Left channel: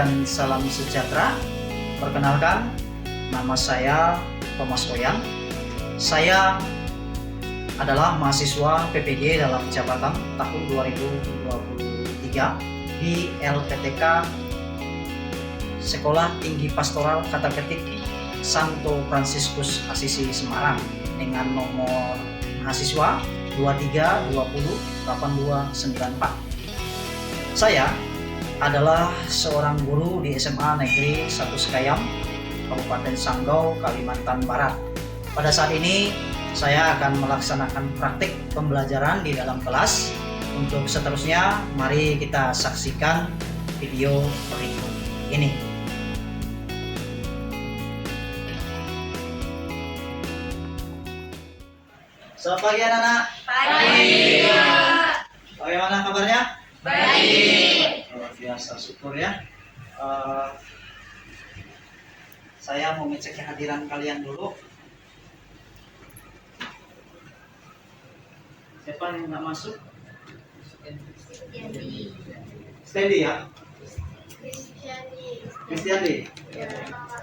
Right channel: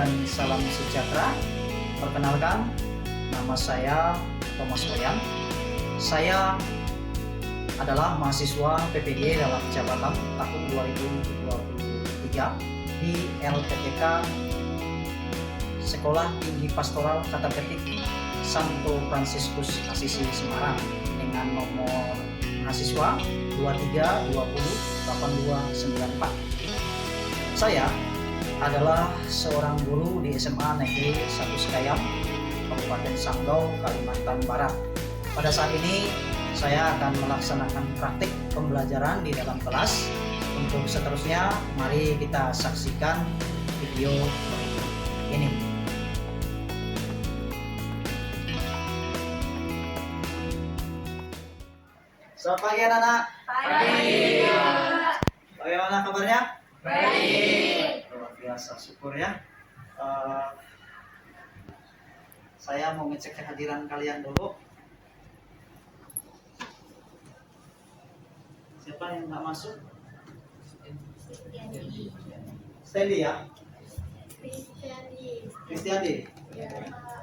dan salam sejahtera. Perkenalkan, nama saya Thomas Boyan. Saya adalah mahasiswa PPG dalam jabatan tahun 2023 di LPTK Sekolah Tinggi Pastoral Kata Ketik Santo Fransiskus Asisi Semarang dengan nomor mahasiswa 23208294. Saya adalah seorang guru di SMA Negeri 1 Sekayam, Kabupaten Sanggau, Kalimantan Barat. Pada saat ini saya akan melaksanakan praktik pembelajaran di dalam kelas. Untuk seterusnya, mari kita saksikan video berikut ini. Selamat pagi anak-anak. Pagi. Bagaimana kabarnya? Baik. Luar biasa, syukur ya. Saya mau ngecek kehadiran kalian dulu. Siapa yang nggak masuk? Stendi ya? Kristiandi.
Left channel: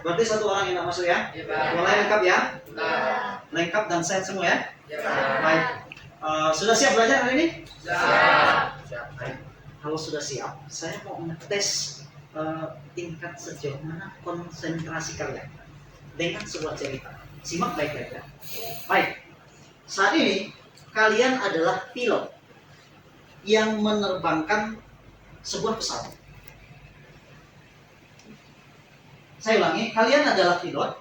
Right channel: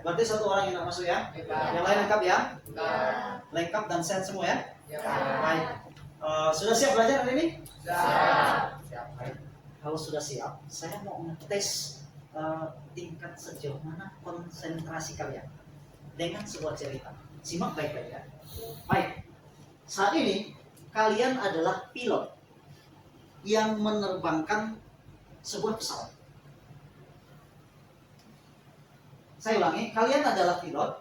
Berarti satu orang yang nggak masuk ya? Yang lain lengkap ya? Lengkap dan sehat semua ya? Baik. Sudah siap belajar hari ini? Baik. Kalau sudah siap, saya mau ngetes tingkat sejauh mana konsentrasi kalian dengan sebuah cerita. Simak baik-baik ya. Baik. Saat ini kalian adalah pilot yang menerbangkan sebuah pesawat. Saya ulangi, kalian adalah pilot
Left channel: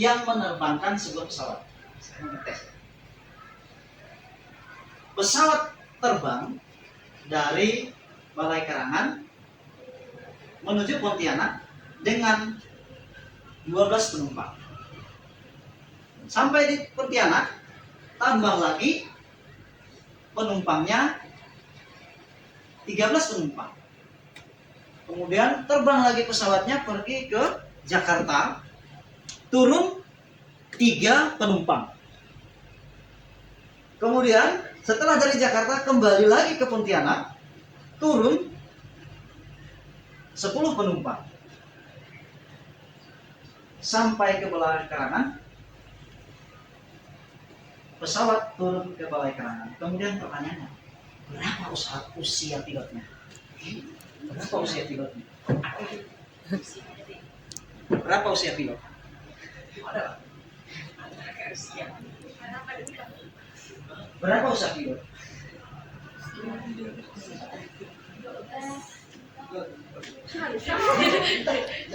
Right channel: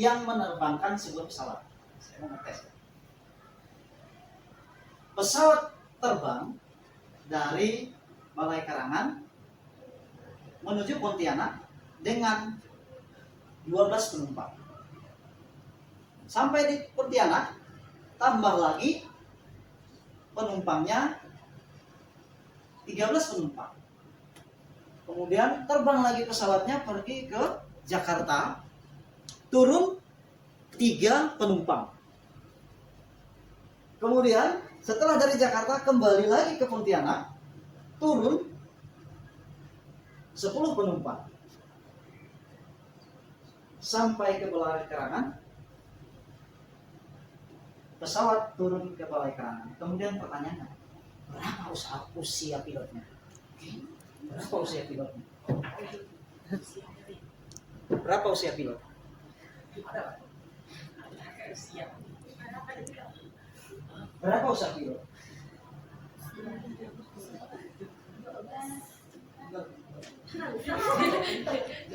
yang menerbangkan sebuah pesawat. Saya mau ngetes. Pesawat terbang dari Balai Karangan menuju Pontianak dengan 12 penumpang. Sampai di Pontianak, tambah lagi penumpangnya 13 penumpang. Kemudian terbang lagi pesawatnya pergi ke Jakarta, turun 3 penumpang. Kemudian setelah dari Jakarta kembali lagi ke Pontianak, turun 10 penumpang. Sampai ke Balai Karangan, pesawat turun ke Balai Karangan. Kemudian pertanyaannya, berapa usia pilotnya? Berapa usia pilotnya? Berapa usia pilot? Berapa usia pilot?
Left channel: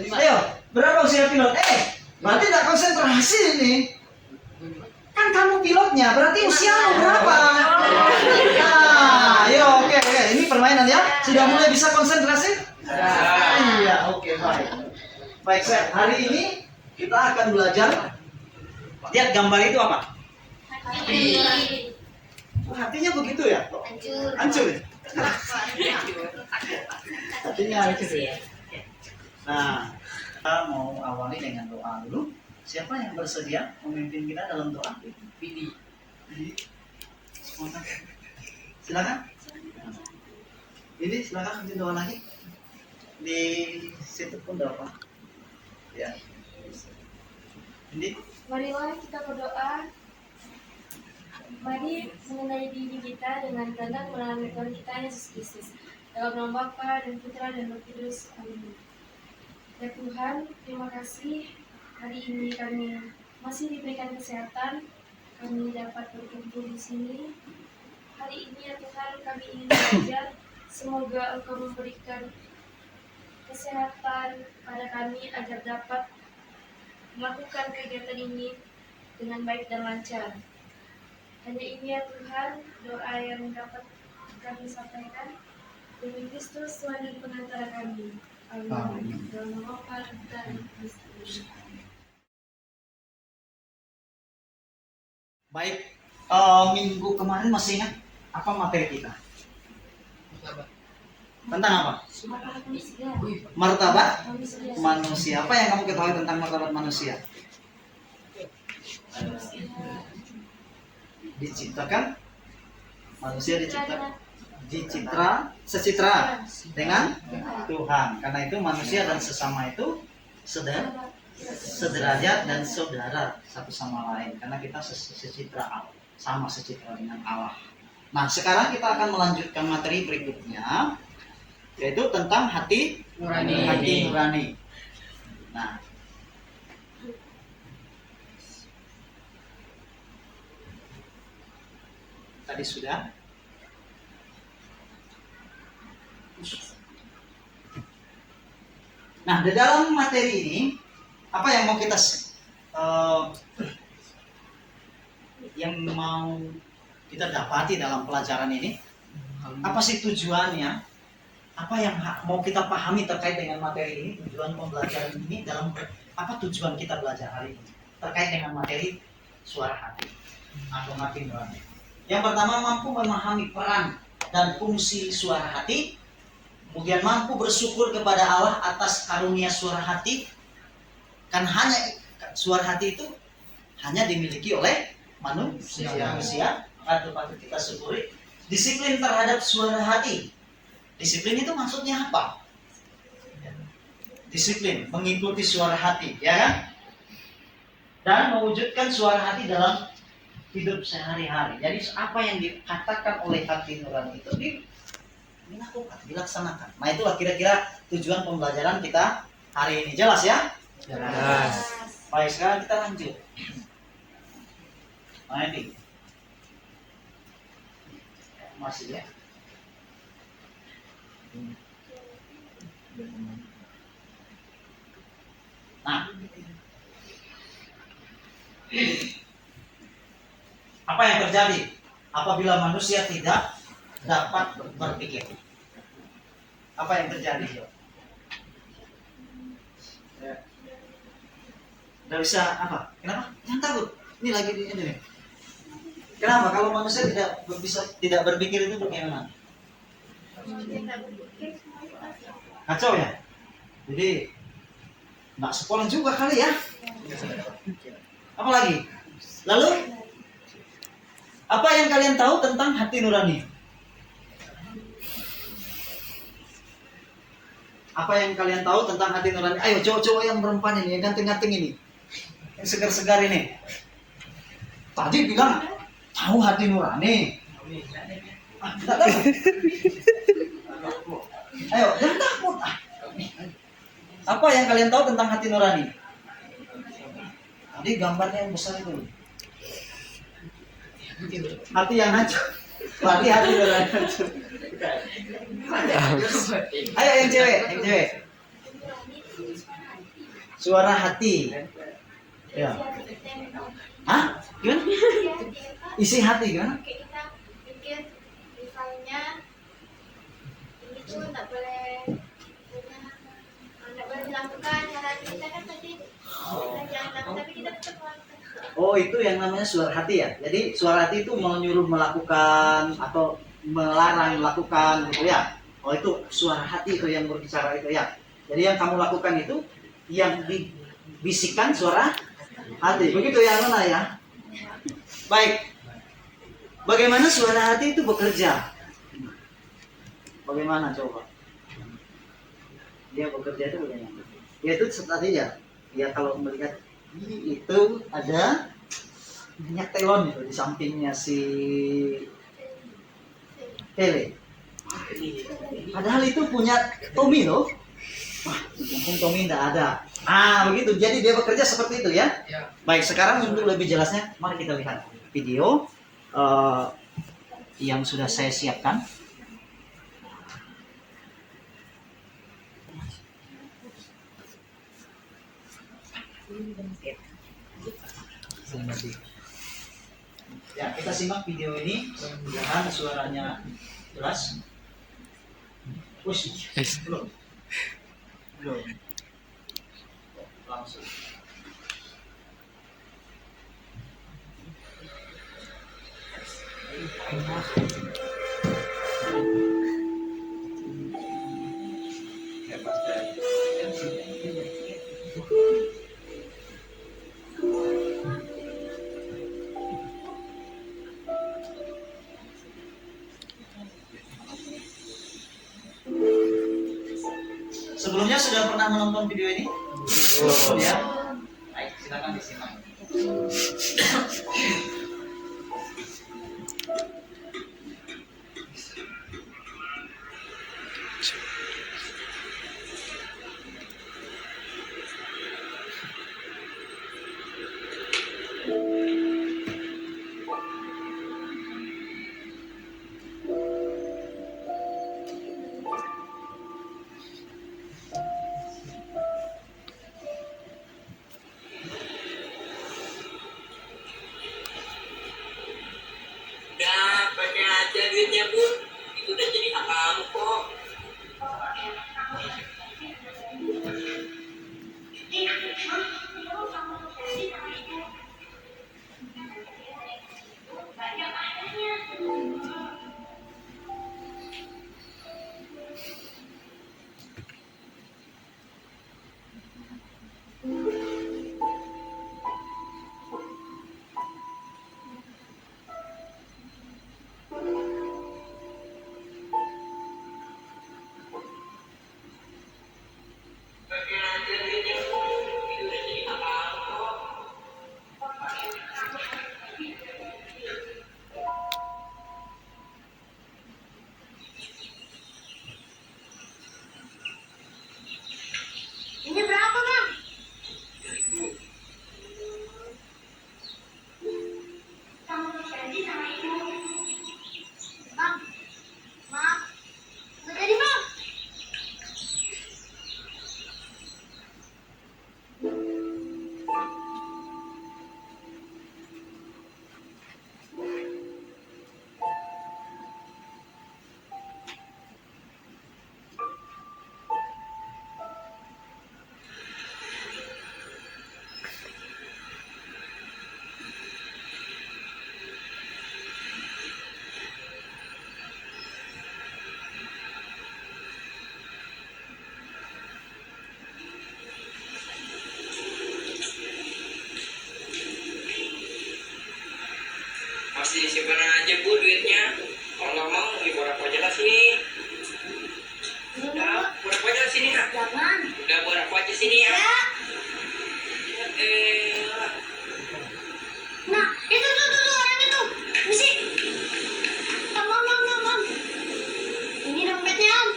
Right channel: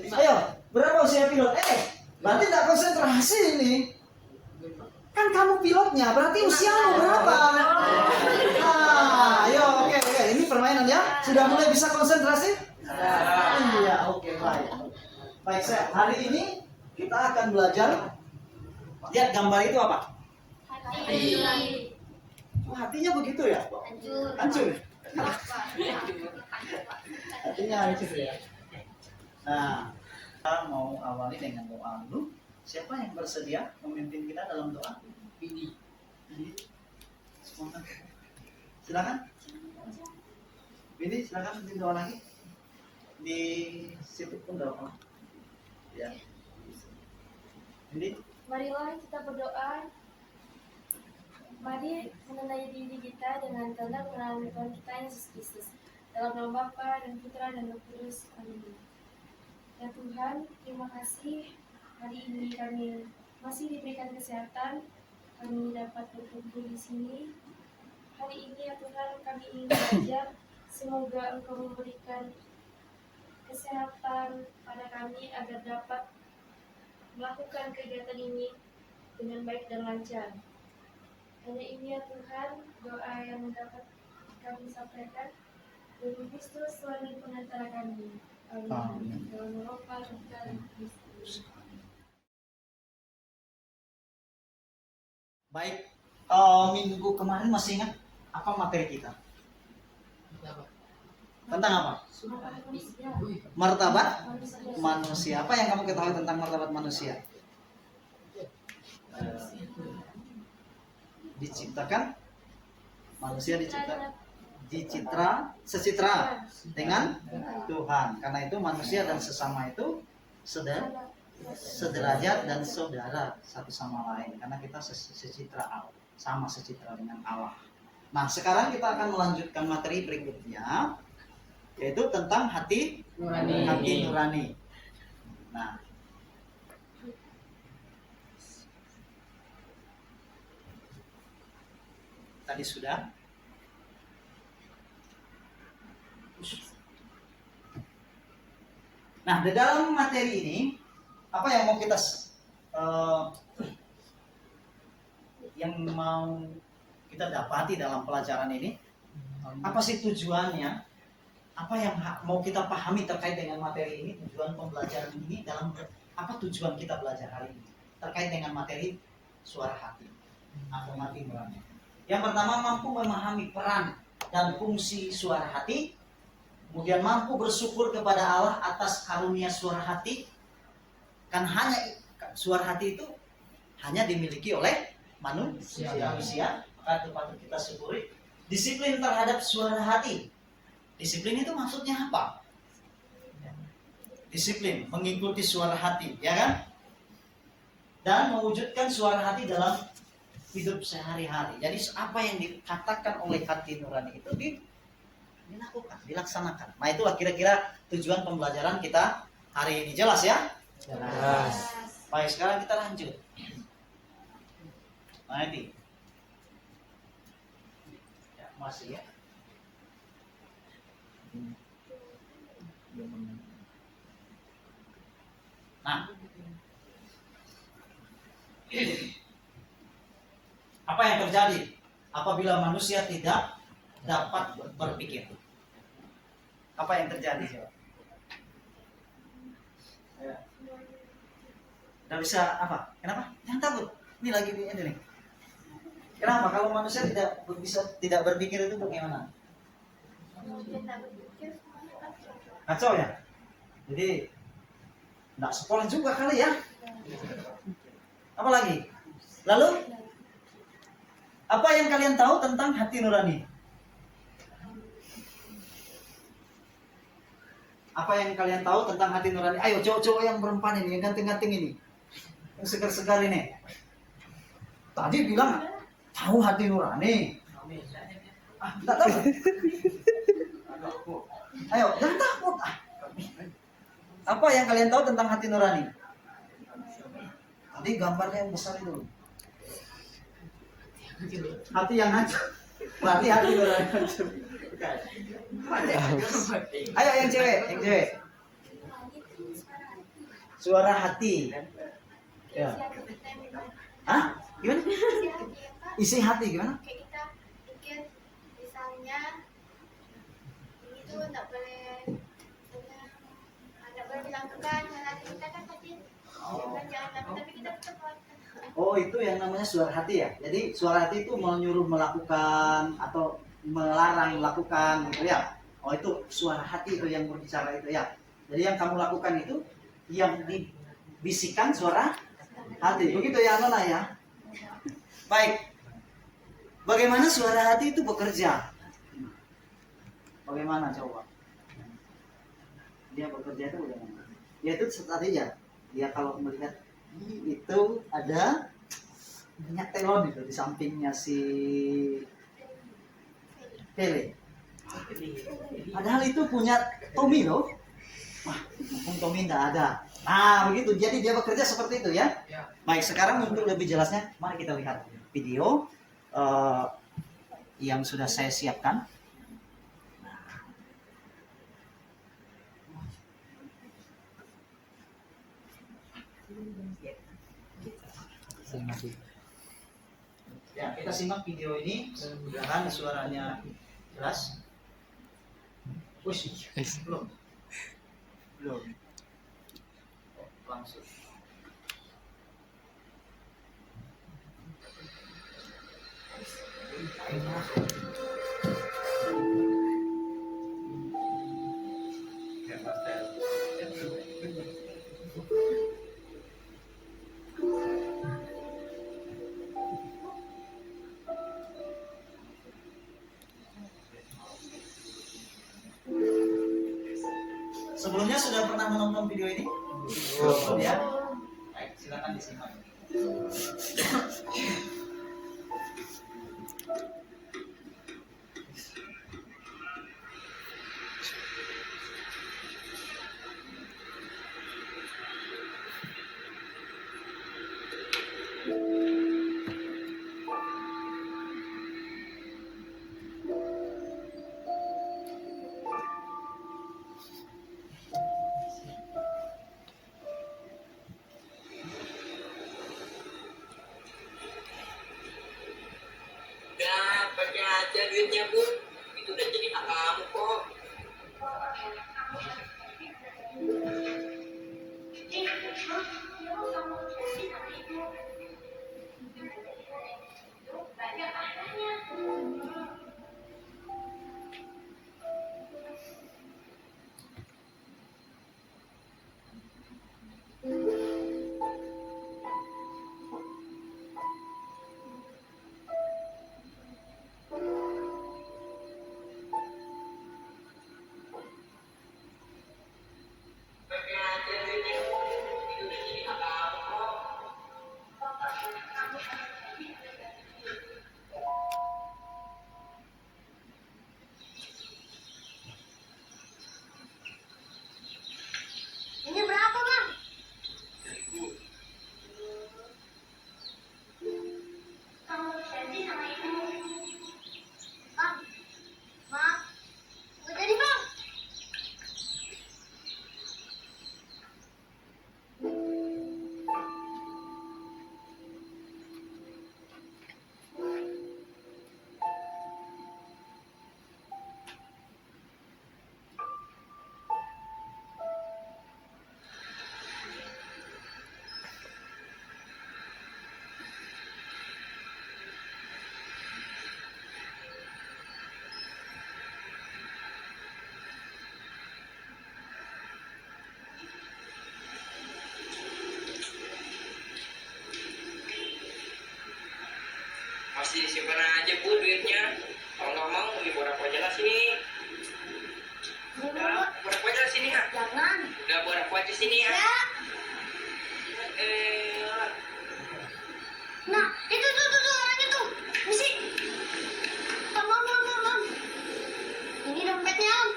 Ayo, berapa usia pilot? Berarti tidak konsentrasi ini. Kan kamu pilotnya, berarti usiamu berapa? Nah, ayo, oke. Ini permainan ya. Sudah mulai bisa konsentrasi? Iya, oke, baik. Baik, hari ini kita akan belajar. Lihat gambar itu apa? Hatinya begitu ya? Hancur. Hatinya hancur ya. Nah, kita mau awali dengan doa dulu. Siapa yang bersedia memimpin kita dalam doa? Bidi. Silakan. Bidi, silakan bikin doa lagi. Di situ pun doa. Ya. Bidi. Marilah kita berdoa. Mari mengenai diri kita dengan kehendak melalui Tuhan kita Yesus Kristus. Dalam nama Bapa dan Putra dan Roh Kudus. Amin. Ya Tuhan, terima kasih hari ini kami masih diberikan kesehatan. Kami dapat berkumpul di sini. Hari ini ya Tuhan, kami ingin belajar. Semoga Engkau memberikan kesehatan pada kami agar dapat melakukan kegiatan ini dengan baik dan lancar. Hanya ini ya Tuhan, doa yang dapat kami sampaikan. Demi Kristus Tuhan dan Pengantara kami. Amin. Dalam nama Bapa dan Kristus. Baik, minggu kemarin masih ingat apa materi kita? Tentang apa? Martabat manusia. Apa yang kamu ketahui tentang martabat manusia? Diciptakan, manusia diciptakan secitra dengan Tuhan. Karena itu manusia dan sesama itu sederajat dan saudara satu sama lain. Karena kita secitra, sama secitra dengan Allah. Nah, sekarang kita akan melanjutkan materi berikutnya, yaitu tentang hati nurani. Nah, tadi sudah. Nah, di dalam materi ini, apa yang mau kita dapati dalam pelajaran ini? Apa sih tujuannya? Apa yang mau kita pahami terkait dengan materi ini? Tujuan pembelajaran ini dalam apa tujuan kita belajar hari ini terkait dengan materi suara hati atau hati nurani? Yang pertama, mampu memahami peran dan fungsi suara hati. Kemudian mampu bersyukur kepada Allah atas karunia suara hati. Kan hanya suara hati itu hanya dimiliki oleh manusia. Maka patut kita syukuri. Disiplin terhadap suara hati. Disiplin itu maksudnya apa? Disiplin mengikuti suara hati, ya kan? Dan mewujudkan suara hati dalam hidup sehari-hari. Jadi apa yang dikatakan oleh hati nurani itu dilakukan, dilaksanakan. Nah, itulah kira-kira tujuan pembelajaran kita hari ini. Jelas ya? Jelas. Baik, sekarang kita lanjut. Nah, ini masih ya. Nah, apa yang terjadi apabila manusia tidak dapat berpikir? Apa yang terjadi? Tidak bisa apa? Kenapa? Jangan takut. Ini lagi ini nih. Kenapa? Kalau manusia tidak berpikir itu bagaimana? Kacau ya. Jadi nggak sekolah juga kali ya. Apa lagi? Lalu apa yang kalian tahu tentang hati nurani? Apa yang kalian tahu tentang hati nurani? Ayo cowok-cowok yang perempuan ini, yang ganteng-ganteng ini, yang segar-segar ini. Tadi bilang tahu hati nurani. Tidak tahu. Ayo, jangan takut. Apa yang kalian tahu tentang hati nurani? Tadi gambarnya yang besar itu. Hati yang hancur. Berarti hati nurani hancur. Ayo yang cewek. Suara hati. Ya. Hah? Gimana? Isi hati gimana? Kayak kita pikir misalnya ini tuh tak boleh dilakukan karena kita kan tadi jangan lakukan, tapi kita tetap melakukan. Oh, itu yang namanya suara hati ya. Jadi suara hati itu mau nyuruh melakukan atau melarang melakukan gitu ya. Oh, itu suara hati itu yang berbicara itu ya. Jadi yang kamu lakukan itu yang dibisikkan suara hati. Begitu ya, Nona ya. Baik. Bagaimana suara hati itu bekerja? Bagaimana coba? Dia bekerja itu bagaimana? Ya itu tadi ya. Ya kalau melihat itu ada minyak telon itu di sampingnya si Pele. Padahal itu punya Tommy loh. Wah, mumpung Tommy tidak ada. Nah, begitu. Jadi dia bekerja seperti itu ya. Baik, sekarang untuk lebih jelasnya, mari kita lihat video yang sudah saya siapkan. Ya, kita simak video ini. Mudah-mudahan suaranya jelas. Belum. Langsung. Sebelumnya sudah pernah menonton video ini? Ya. Baik, silakan disimak. Udah pakai aja duitnya Bun, itu udah jadi hak kamu kok. Pakai aja duitnya Bun, itu udah jadi hak kamu kok. Ini berapa, Bang? 3.000. Kamu janji sama ibu. Bang, maaf. Nggak jadi, Bang. Masih disimpan aja Bu duitnya. Kalau nggak mau diborok aja lah sini. Ya, borok aja sini ha. Jangan. Udah borok aja sini ya. Ya. Eh, Nah, itu tuh orang itu. Misi. Om. Ini dompetnya, Om.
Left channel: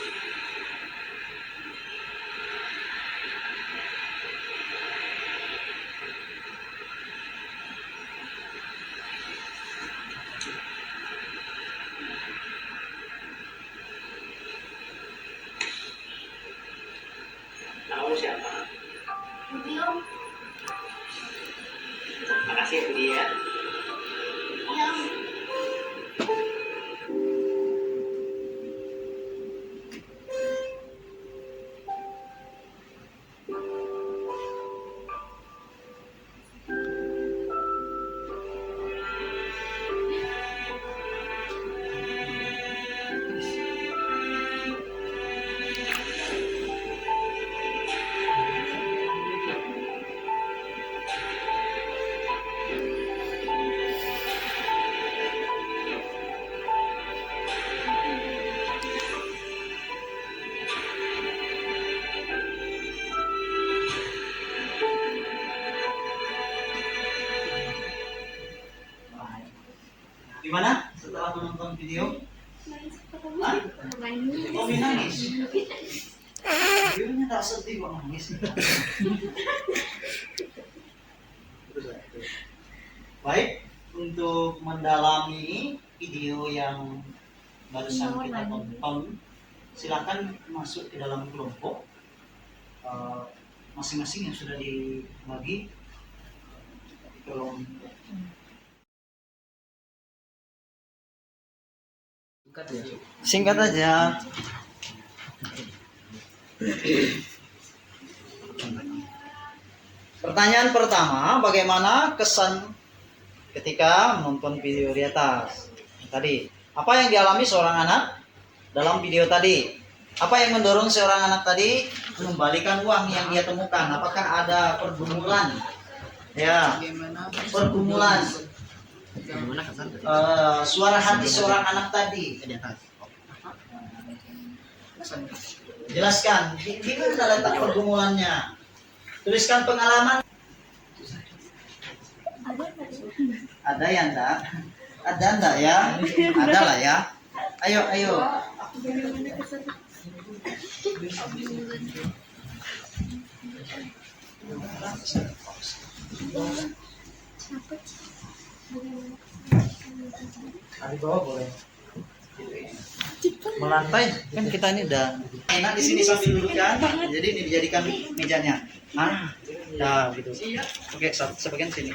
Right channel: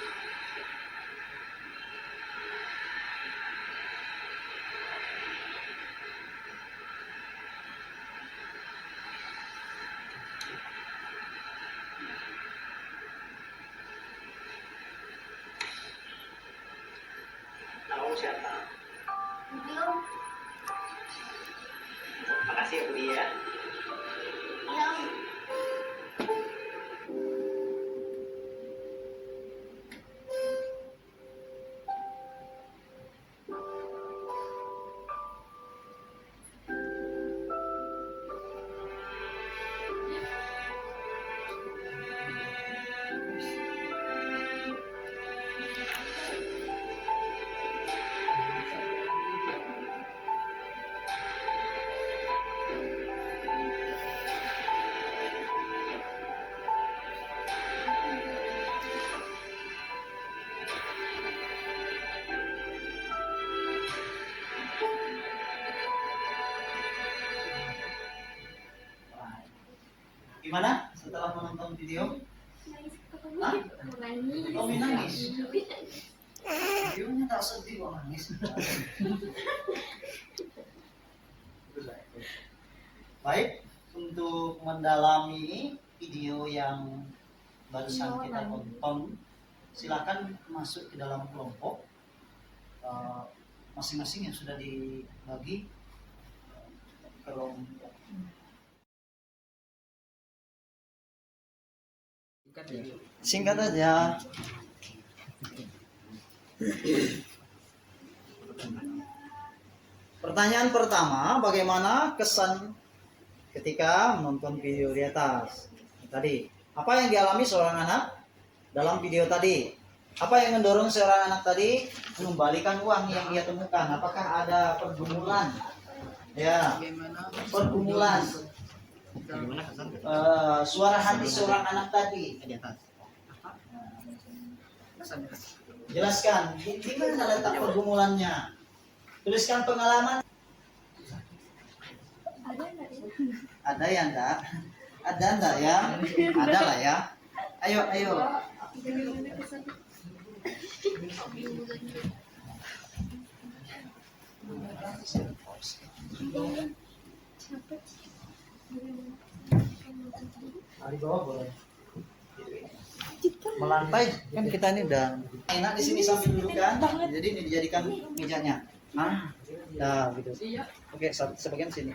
kamu siapa? Belum. Makasih ya Budi ya. Ya, Om. Gimana setelah menonton video? Hah? Oh, nangis. Videonya tak sedih kok nangis. Baik, untuk mendalami video yang barusan kita tonton, silakan masuk ke dalam kelompok masing-masing yang sudah dibagi kelompok. Singkat aja. Pertanyaan pertama, bagaimana kesan ketika menonton video di atas tadi? Apa yang dialami seorang anak dalam video tadi? Apa yang mendorong seorang anak tadi mengembalikan uang yang dia temukan? Apakah ada pergumulan? Ya, pergumulan. Suara hati seorang anak tadi. Jelaskan, di mana letak pergumulannya? Tuliskan pengalaman. Ada ya enggak? Ada enggak ya? Ada lah ya. Ayo, ayo. Di bawah boleh. Melantai kan kita ini udah enak di sini sambil duduk kan. Jadi ini dijadikan mejanya. Ya gitu. Oke, sebagian sini.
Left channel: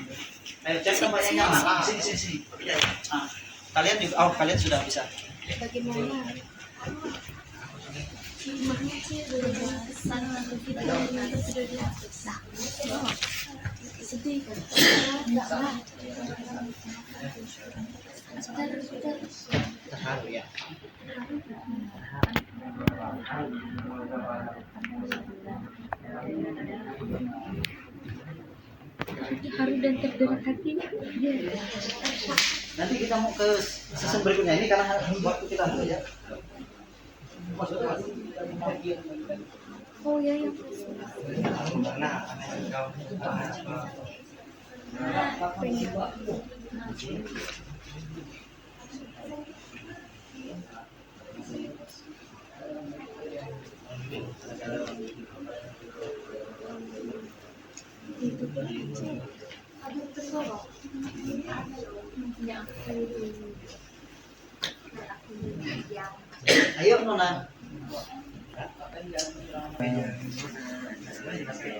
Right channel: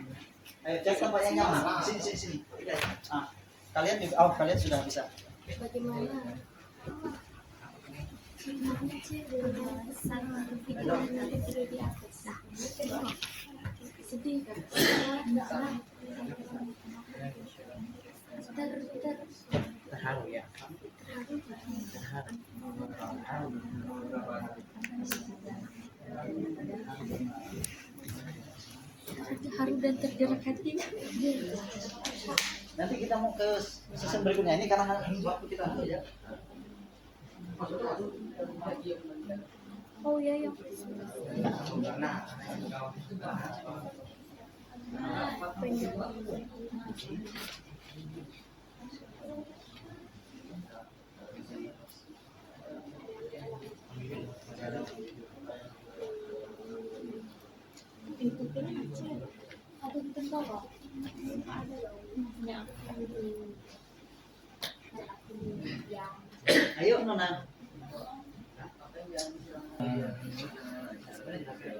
Ayo cek tempatnya nyaman. Sini sini sini. Kalian juga, kalian sudah bisa. Bagaimana? Rumahnya sih sudah besar, sudah di atas. Sedih. Enggak lah. Sebentar. Terharu ya. Haru dan tergerak hati. Nanti kita mau ke season berikutnya ini karena waktu kita dulu ya. Oh ya ya. Ada bentuk kok. Ayo Nona.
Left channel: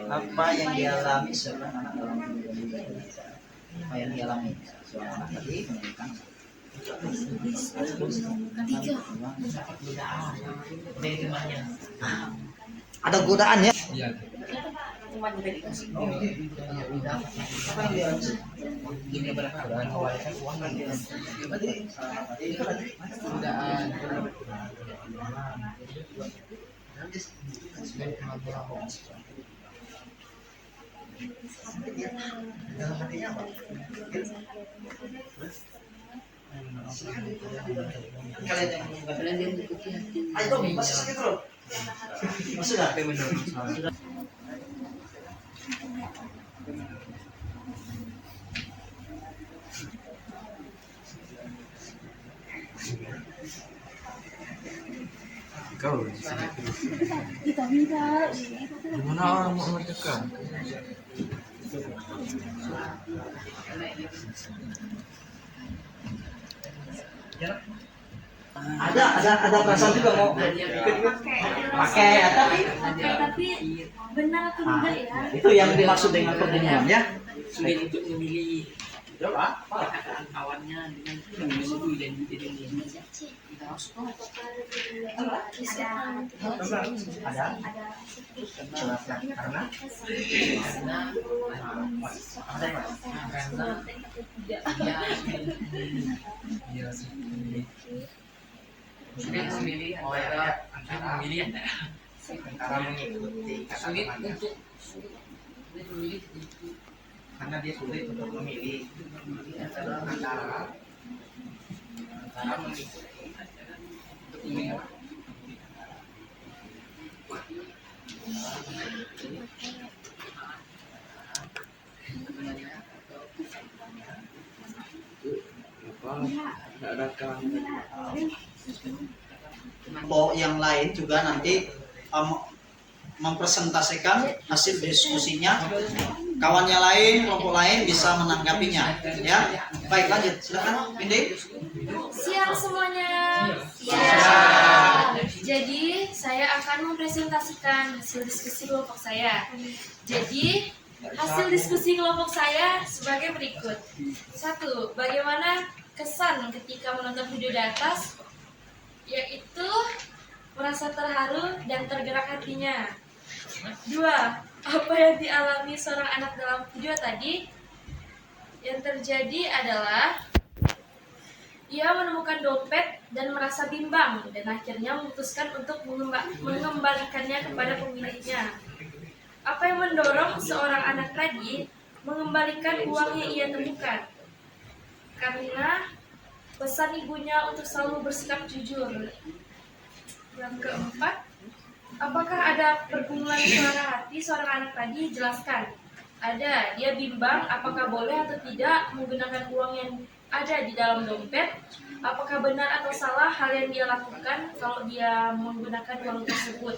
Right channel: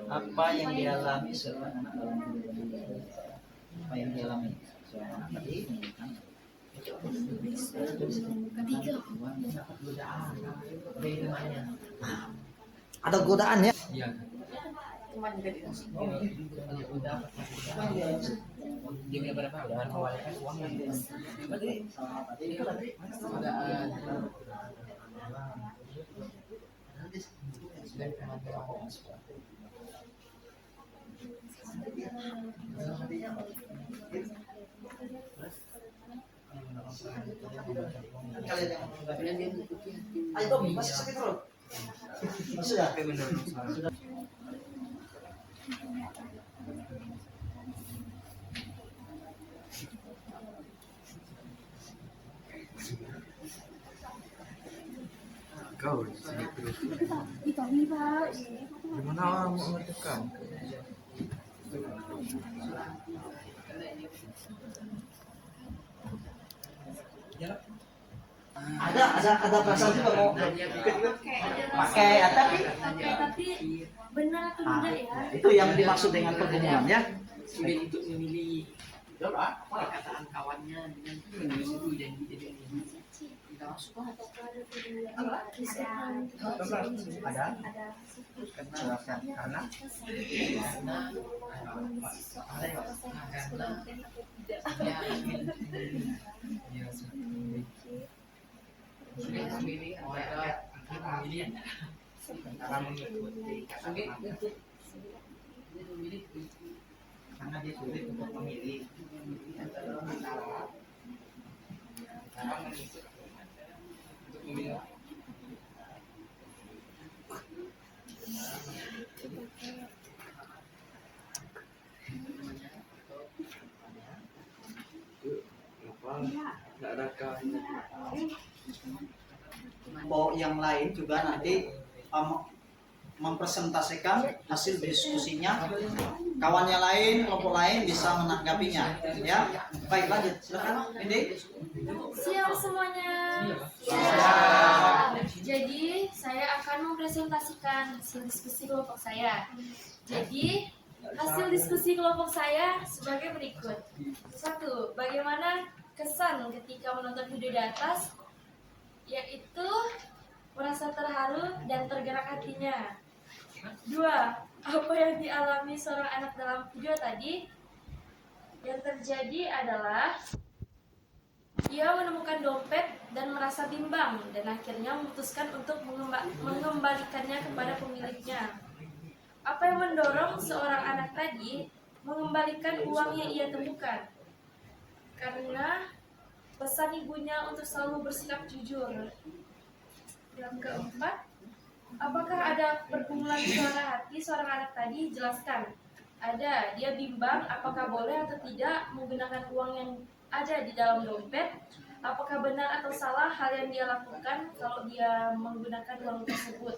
Apa yang dialami seorang anak dalam apa yang dialami seorang anak tadi menunjukkan ada godaan ya. Iya. Gini berapa? Uang kan ya. Ayo masih sakit bro. Sudah. Sudah. Kau di sini terus. Tidak. Gimana orang mau mengerjakan? Ada perasaan juga mau pakai Tapi benar atau enggak ya? itu yang dimaksud dengan pergumulan ya. Sulit untuk memilih perkataan kawannya dengan yang itu dan jadi kita masuk karena dia memilih antara mengikuti sulit untuk memilih karena dia sulit untuk memilih antara mengikuti untuk memilih kelompok yang lain juga nanti mempresentasikan hasil diskusinya, kawannya lain, kelompok lain bisa menanggapinya ya. Baik, lanjut, silakan Windy. Siap semuanya. Jadi saya akan mempresentasikan hasil diskusi kelompok saya. Jadi hasil diskusi kelompok saya sebagai berikut. 1. Bagaimana kesan ketika menonton video di atas? Yaitu merasa terharu dan tergerak hatinya. 2. Apa yang dialami seorang anak dalam video tadi? Yang terjadi adalah ia menemukan dompet dan merasa bimbang dan akhirnya memutuskan untuk mengembalikannya kepada pemiliknya. Apa yang mendorong seorang anak tadi mengembalikan uang yang ia temukan? Karena pesan ibunya untuk selalu bersikap jujur. Yang keempat, Apakah ada pergumulan suara hati seorang anak tadi? Jelaskan. Ada. Dia bimbang apakah boleh atau tidak menggunakan uang yang ada di dalam dompet. Apakah benar atau salah hal yang dia lakukan kalau dia menggunakan uang tersebut.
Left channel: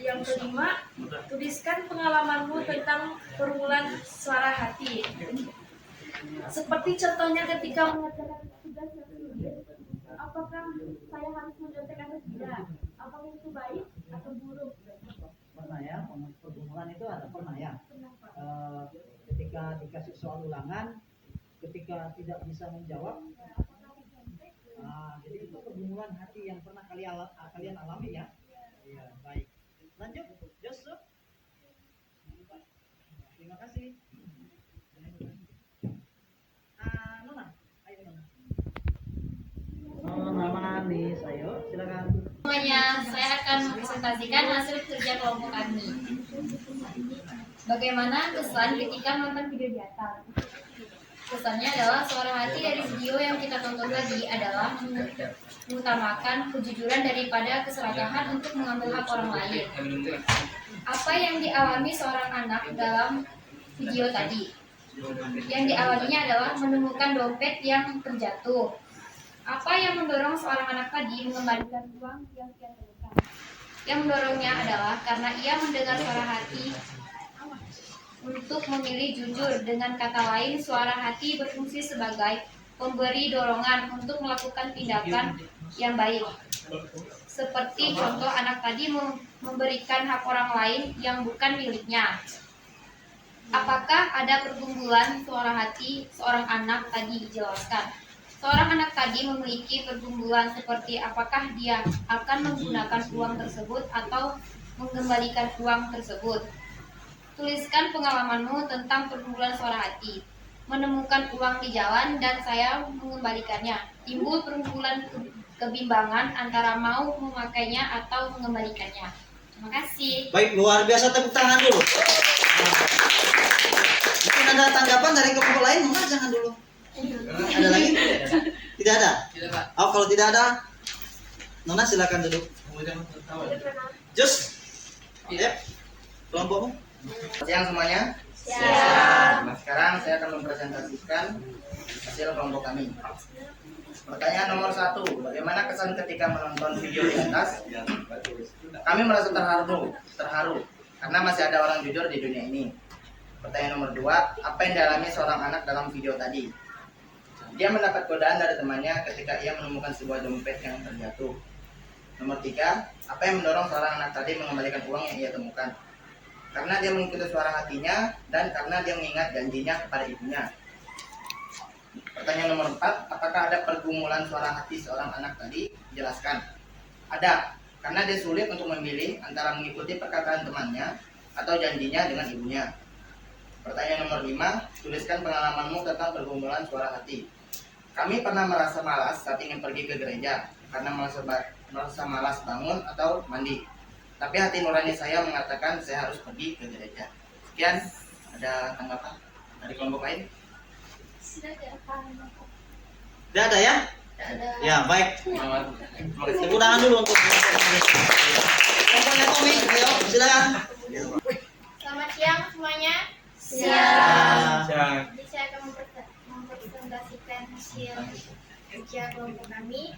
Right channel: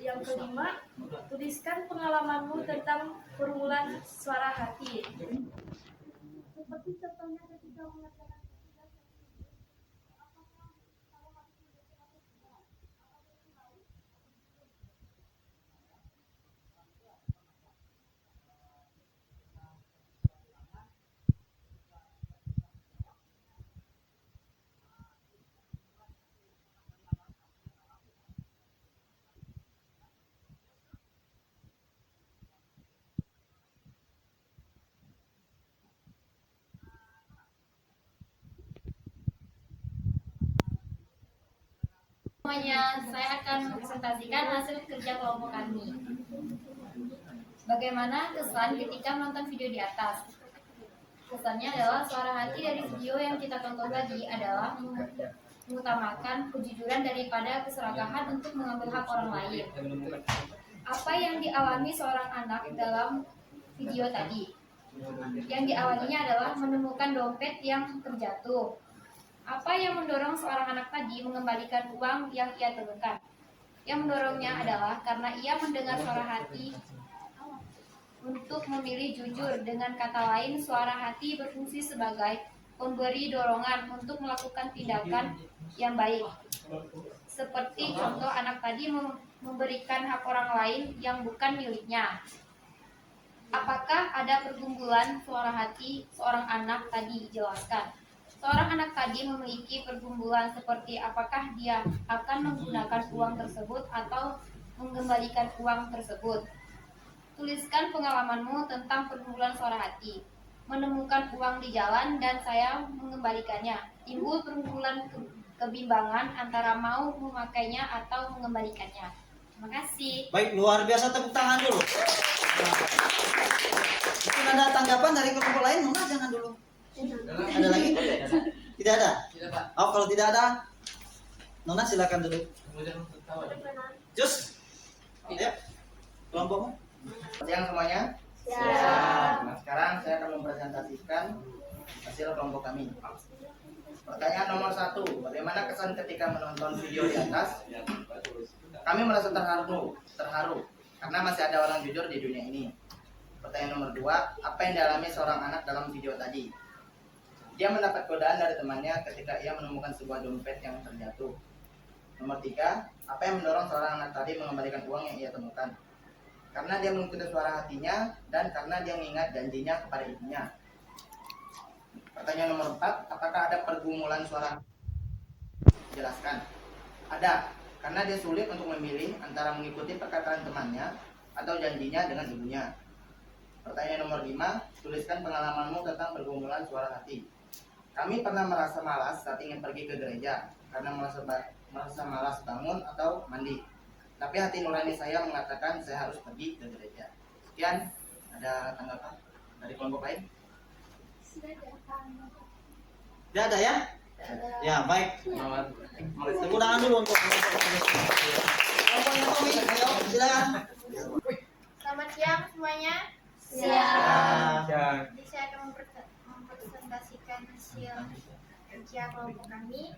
Yang kelima, tuliskan pengalamanmu tentang pergumulan suara hati. Seperti contohnya ketika mengerjakan tugas yang sulit, apakah saya harus mencontek atau tidak? Apakah itu baik atau buruk? Pernah ya, pergumulan itu ada pernah ya. Kenapa? Ketika dikasih soal ulangan, ketika tidak bisa menjawab, jadi itu pergumulan hati yang pernah kalian alami ya. Iya, baik. Lanjut, Yusuf. Terima kasih. Nona, ayo Nona. Nona manis, ayo silakan. Semuanya, saya akan mempresentasikan hasil kerja kelompok kami. Bagaimana kesan ketika menonton video di atas? Kesannya adalah suara hati dari video yang kita tonton tadi adalah mengutamakan kejujuran daripada keserakahan untuk mengambil hak orang lain. Apa yang dialami seorang anak dalam video tadi? Yang dialaminya adalah menemukan dompet yang terjatuh. Apa yang mendorong seorang anak tadi mengembalikan uang yang ia temukan? Yang mendorongnya adalah karena ia mendengar suara hati untuk memilih jujur. Dengan kata lain, suara hati berfungsi sebagai pemberi dorongan untuk melakukan tindakan yang baik. Seperti contoh anak tadi memberikan hak orang lain yang bukan miliknya. Apakah ada pergumulan suara hati seorang anak tadi? Jelaskan. Seorang anak tadi memiliki pergumulan seperti apakah dia akan menggunakan uang tersebut atau mengembalikan uang tersebut. Tuliskan pengalamanmu tentang pergumulan suara hati. Menemukan uang di jalan dan saya mengembalikannya. Timbul pergumulan kebimbangan antara mau memakainya atau mengembalikannya. Terima kasih. Baik, luar biasa, tepuk tangan dulu. Mungkin ada tanggapan dari kelompok lain, mungkin jangan dulu. Ada lagi? Tidak ada? Tidak, Pak. Oh, kalau tidak ada, Nona silakan dulu. Jus, ya, kelompokmu. Siang semuanya. Siap. Nah, sekarang saya akan mempresentasikan hasil kelompok kami. Pertanyaan nomor 1, bagaimana kesan ketika menonton video di atas? Kami merasa terharu karena masih ada orang jujur di dunia ini. Pertanyaan nomor 2, apa yang dialami seorang anak dalam video tadi? Dia mendapat godaan dari temannya ketika ia menemukan sebuah dompet yang terjatuh. Nomor 3, apa yang mendorong seorang anak tadi mengembalikan uang yang ia temukan? Karena dia mengikuti suara hatinya dan karena dia mengingat janjinya kepada ibunya. Pertanyaan nomor 4, apakah ada pergumulan suara hati seorang anak tadi? Jelaskan. Ada, karena dia sulit untuk memilih antara mengikuti perkataan temannya atau janjinya dengan ibunya. Pertanyaan nomor 5, tuliskan pengalamanmu tentang pergumulan suara hati. Kami pernah merasa malas saat ingin pergi ke gereja karena merasa malas bangun atau mandi. Tapi hati nurani saya mengatakan saya harus pergi ke gereja. Sekian, ada tanggapan dari kelompok lain? Tidak ada ya? Ya, baik. Tepuk tangan dulu untuk kelompoknya Tommy. Ayo, silakan. Selamat siang semuanya. Siap. Jadi saya akan mempresentasikan hasil kerja kelompok kami.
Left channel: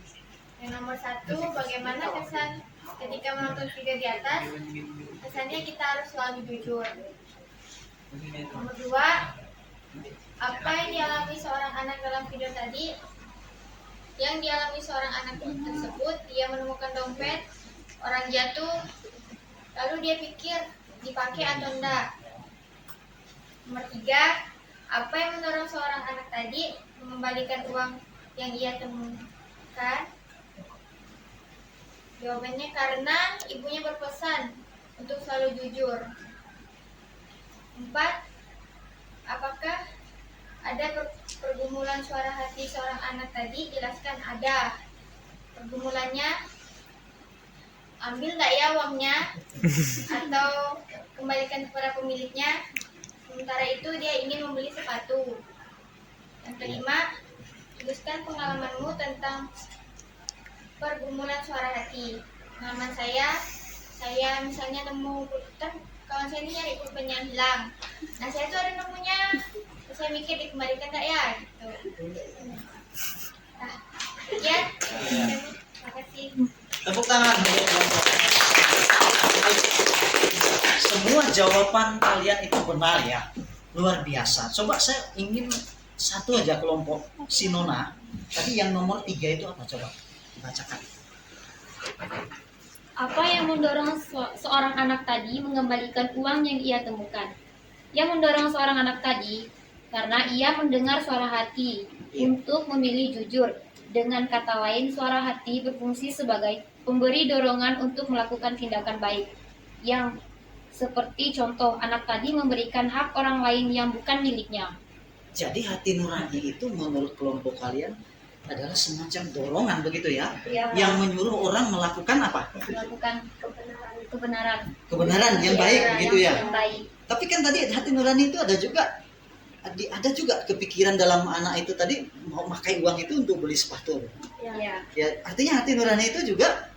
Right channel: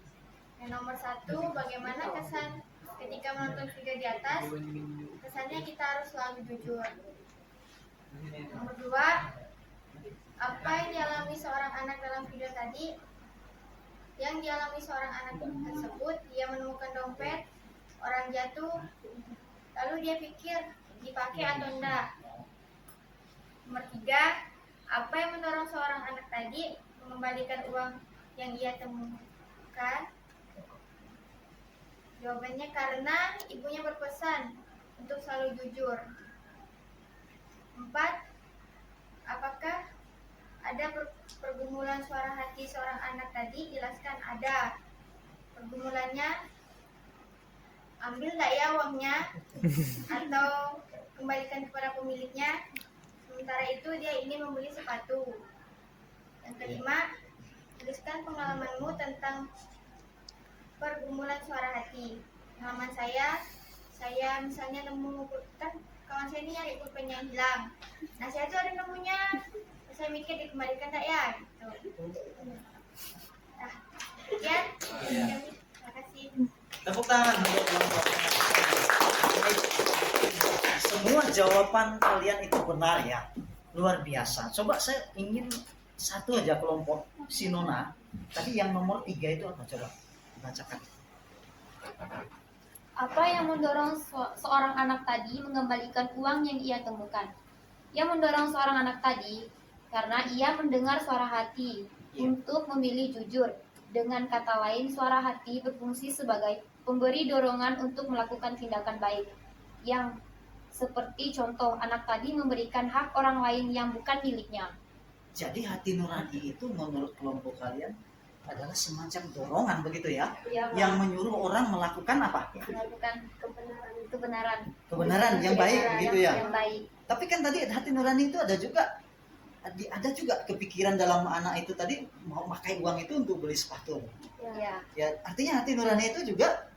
Yang nomor 1, bagaimana kesan ketika menonton video di atas? Kesannya kita harus selalu jujur. Nomor 2, apa yang dialami seorang anak dalam video tadi? Yang dialami seorang anak tersebut, dia menemukan dompet, orang jatuh, lalu dia pikir dipakai atau enggak. Nomor 3, apa yang mendorong seorang anak tadi mengembalikan uang yang ia temukan? Jawabannya karena ibunya berpesan untuk selalu jujur. 4, apakah ada pergumulan suara hati seorang anak tadi? Jelaskan. Ada. Pergumulannya, ambil enggak ya uangnya atau kembalikan kepada pemiliknya. Sementara itu dia ingin membeli sepatu. Yang kelima, tuliskan pengalamanmu tentang pergumulan suara hati. pengalaman saya misalnya nemu kan kawan saya ini nyari pulpennya hilang. Nah saya tuh ada nemunya, terus saya mikir dikembalikan tak ya gitu. Nah, ya, terima kasih. Tepuk tangan untuk kelompok. Semua jawaban kalian itu benar ya, luar biasa. Coba saya ingin satu aja kelompok si Nona. Tadi yang nomor 3 itu apa, coba bacakan. Apa yang mendorong seorang anak tadi mengembalikan uang yang ia temukan? Yang mendorong seorang anak tadi karena ia mendengar suara hati untuk memilih jujur. Dengan kata lain, suara hati berfungsi sebagai pemberi dorongan untuk melakukan tindakan baik. Yang seperti contoh, anak tadi memberikan hak orang lain yang bukan miliknya. Jadi hati nurani itu menurut kelompok kalian adalah semacam dorongan begitu ya, yang menyuruh orang melakukan apa? Melakukan kebenaran. Kebenaran yang baik begitu ya. Yang baik. Tapi kan tadi hati nurani itu ada juga kepikiran dalam anak itu tadi mau pakai uang itu untuk beli sepatu. Ya. Ya, artinya hati nurani itu juga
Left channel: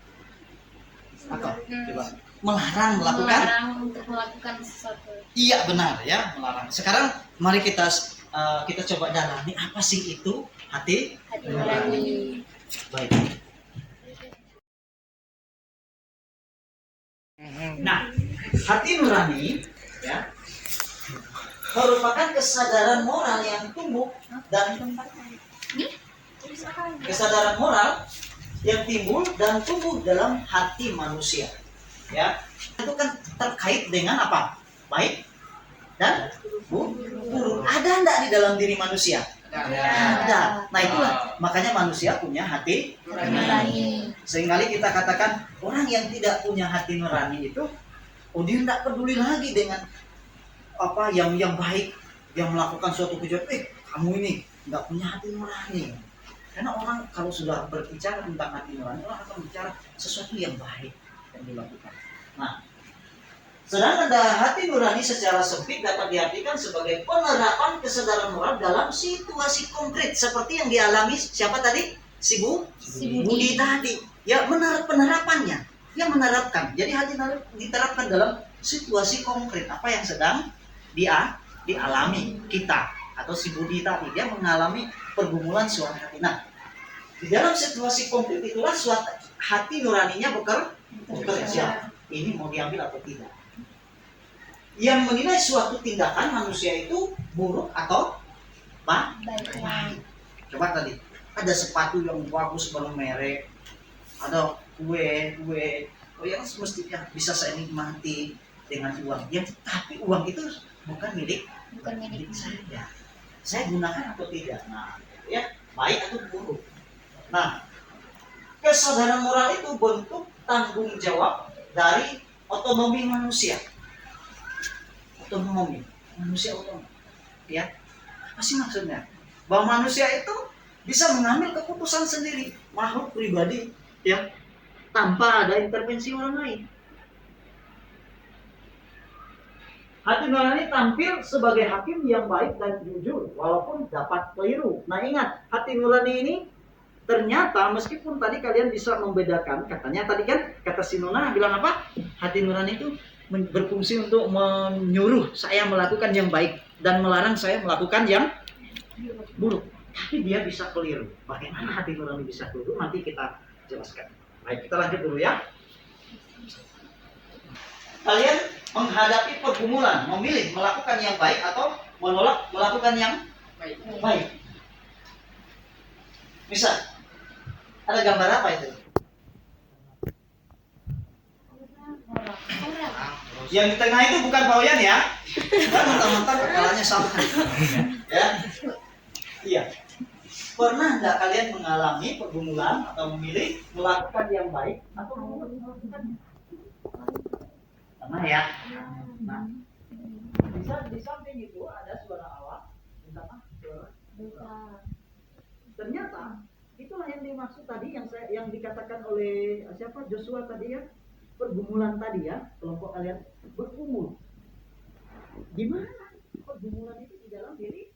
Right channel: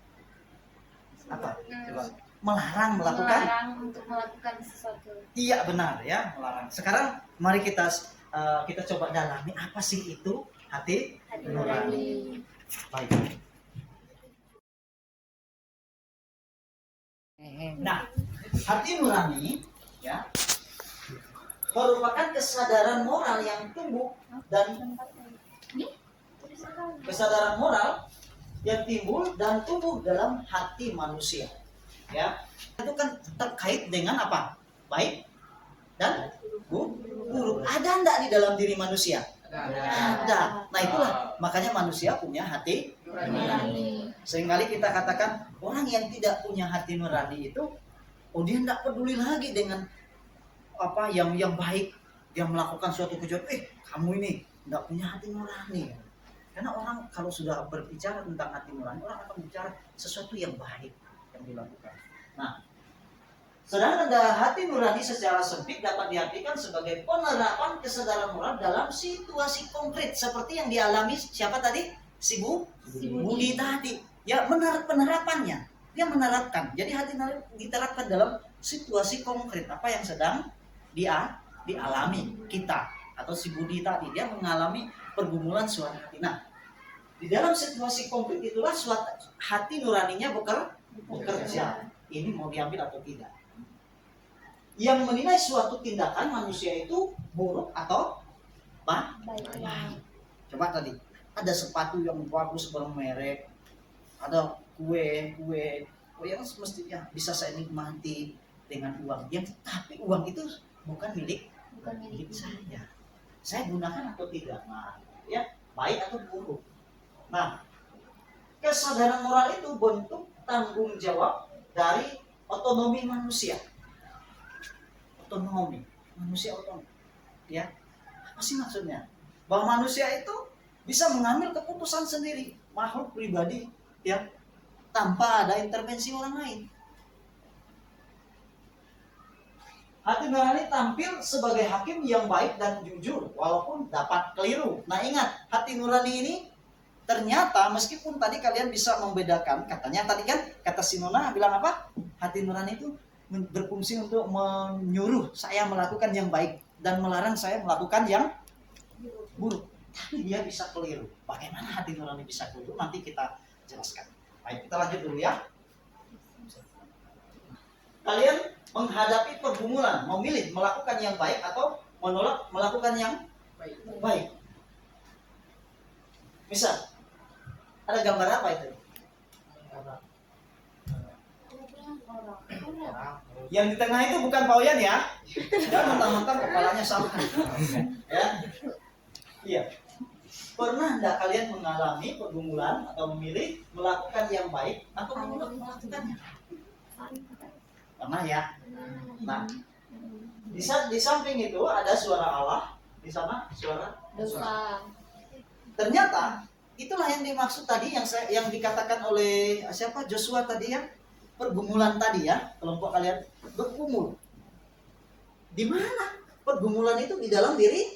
apa? Coba melarang melakukan. Melarang untuk melakukan sesuatu. Iya benar ya, melarang. Sekarang mari kita coba dalami apa sih itu hati nurani. Baik. Nah, hati nurani ya merupakan kesadaran moral yang tumbuh dan kesadaran moral yang timbul dan tumbuh dalam hati manusia. Ya, itu kan terkait dengan apa? Baik dan buruk. Ada enggak di dalam diri manusia? Ada. Nah itulah makanya manusia punya hati nurani. Seringkali kita katakan orang yang tidak punya hati nurani itu, oh dia tidak peduli lagi dengan apa yang baik, yang melakukan suatu kejahatan. Kamu ini nggak punya hati nurani. Karena orang kalau sudah berbicara tentang hati nurani, orang akan bicara sesuatu yang baik yang dilakukan. Nah, sedangkan hati nurani secara sempit dapat diartikan sebagai penerapan kesadaran moral dalam situasi konkret seperti yang dialami siapa tadi? Si Budi tadi. Ya, penerapannya. Dia menerapkan. Jadi hati nurani diterapkan dalam situasi konkret apa yang sedang dialami kita atau si Budi tadi. Dia mengalami pergumulan suara hati. Nah, di dalam situasi konkret itulah suatu hati nuraninya bekerja. Ini mau diambil atau tidak. Yang menilai suatu tindakan manusia itu buruk atau baik. Coba tadi ada sepatu yang bagus bermerek, ada kue, oh yang semestinya bisa saya nikmati dengan uang. Tapi uang itu bukan milik saya. Saya gunakan atau tidak. Nah, ya baik atau buruk. Nah, kesadaran moral itu bentuk tanggung jawab dari otonomi manusia. Manusia otonom. Ya, apa sih maksudnya? Bahwa manusia itu bisa mengambil keputusan sendiri, makhluk pribadi, ya, tanpa ada intervensi orang lain. Hati nurani tampil sebagai hakim yang baik dan jujur, walaupun dapat keliru. Nah ingat, hati nurani ini ternyata meskipun tadi kalian bisa membedakan, katanya tadi kan kata Sinona bilang apa? Hati nurani itu berfungsi untuk menyuruh saya melakukan yang baik dan melarang saya melakukan yang buruk. Tapi dia bisa keliru. Bagaimana hati nurani bisa keliru? Nanti kita jelaskan. Baik, kita lanjut dulu ya. Kalian menghadapi pergumulan, memilih melakukan yang baik atau menolak melakukan yang baik. Misal, ada gambar apa itu? Yang di tengah itu bukan Pak Oyan ya. Dan mentang-mentang kepalanya sama. Ya. Iya. Pernah enggak kalian mengalami pergumulan atau memilih melakukan yang baik atau menolak melakukannya? Pernah ya? Nah, di samping itu ada suara Allah, di sana suara dosa. Ternyata itulah yang dimaksud tadi yang dikatakan oleh siapa? Joshua tadi ya. Pergumulan tadi ya, kelompok kalian bergumul. Di mana pergumulan itu? Di dalam diri?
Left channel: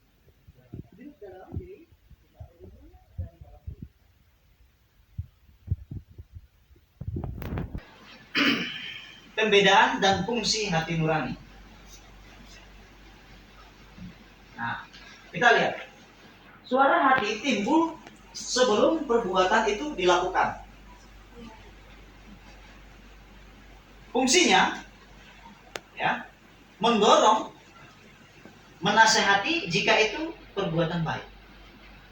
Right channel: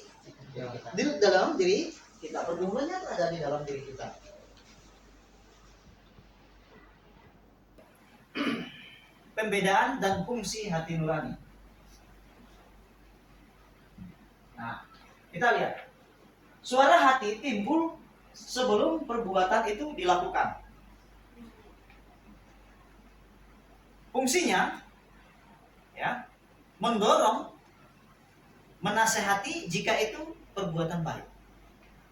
Di dalam diri kita. Pergumulannya ada di dalam diri kita. Pembedaan dan fungsi hati nurani. Nah, kita lihat. Suara hati timbul sebelum perbuatan itu dilakukan. Fungsinya ya, mendorong, menasehati jika itu perbuatan baik.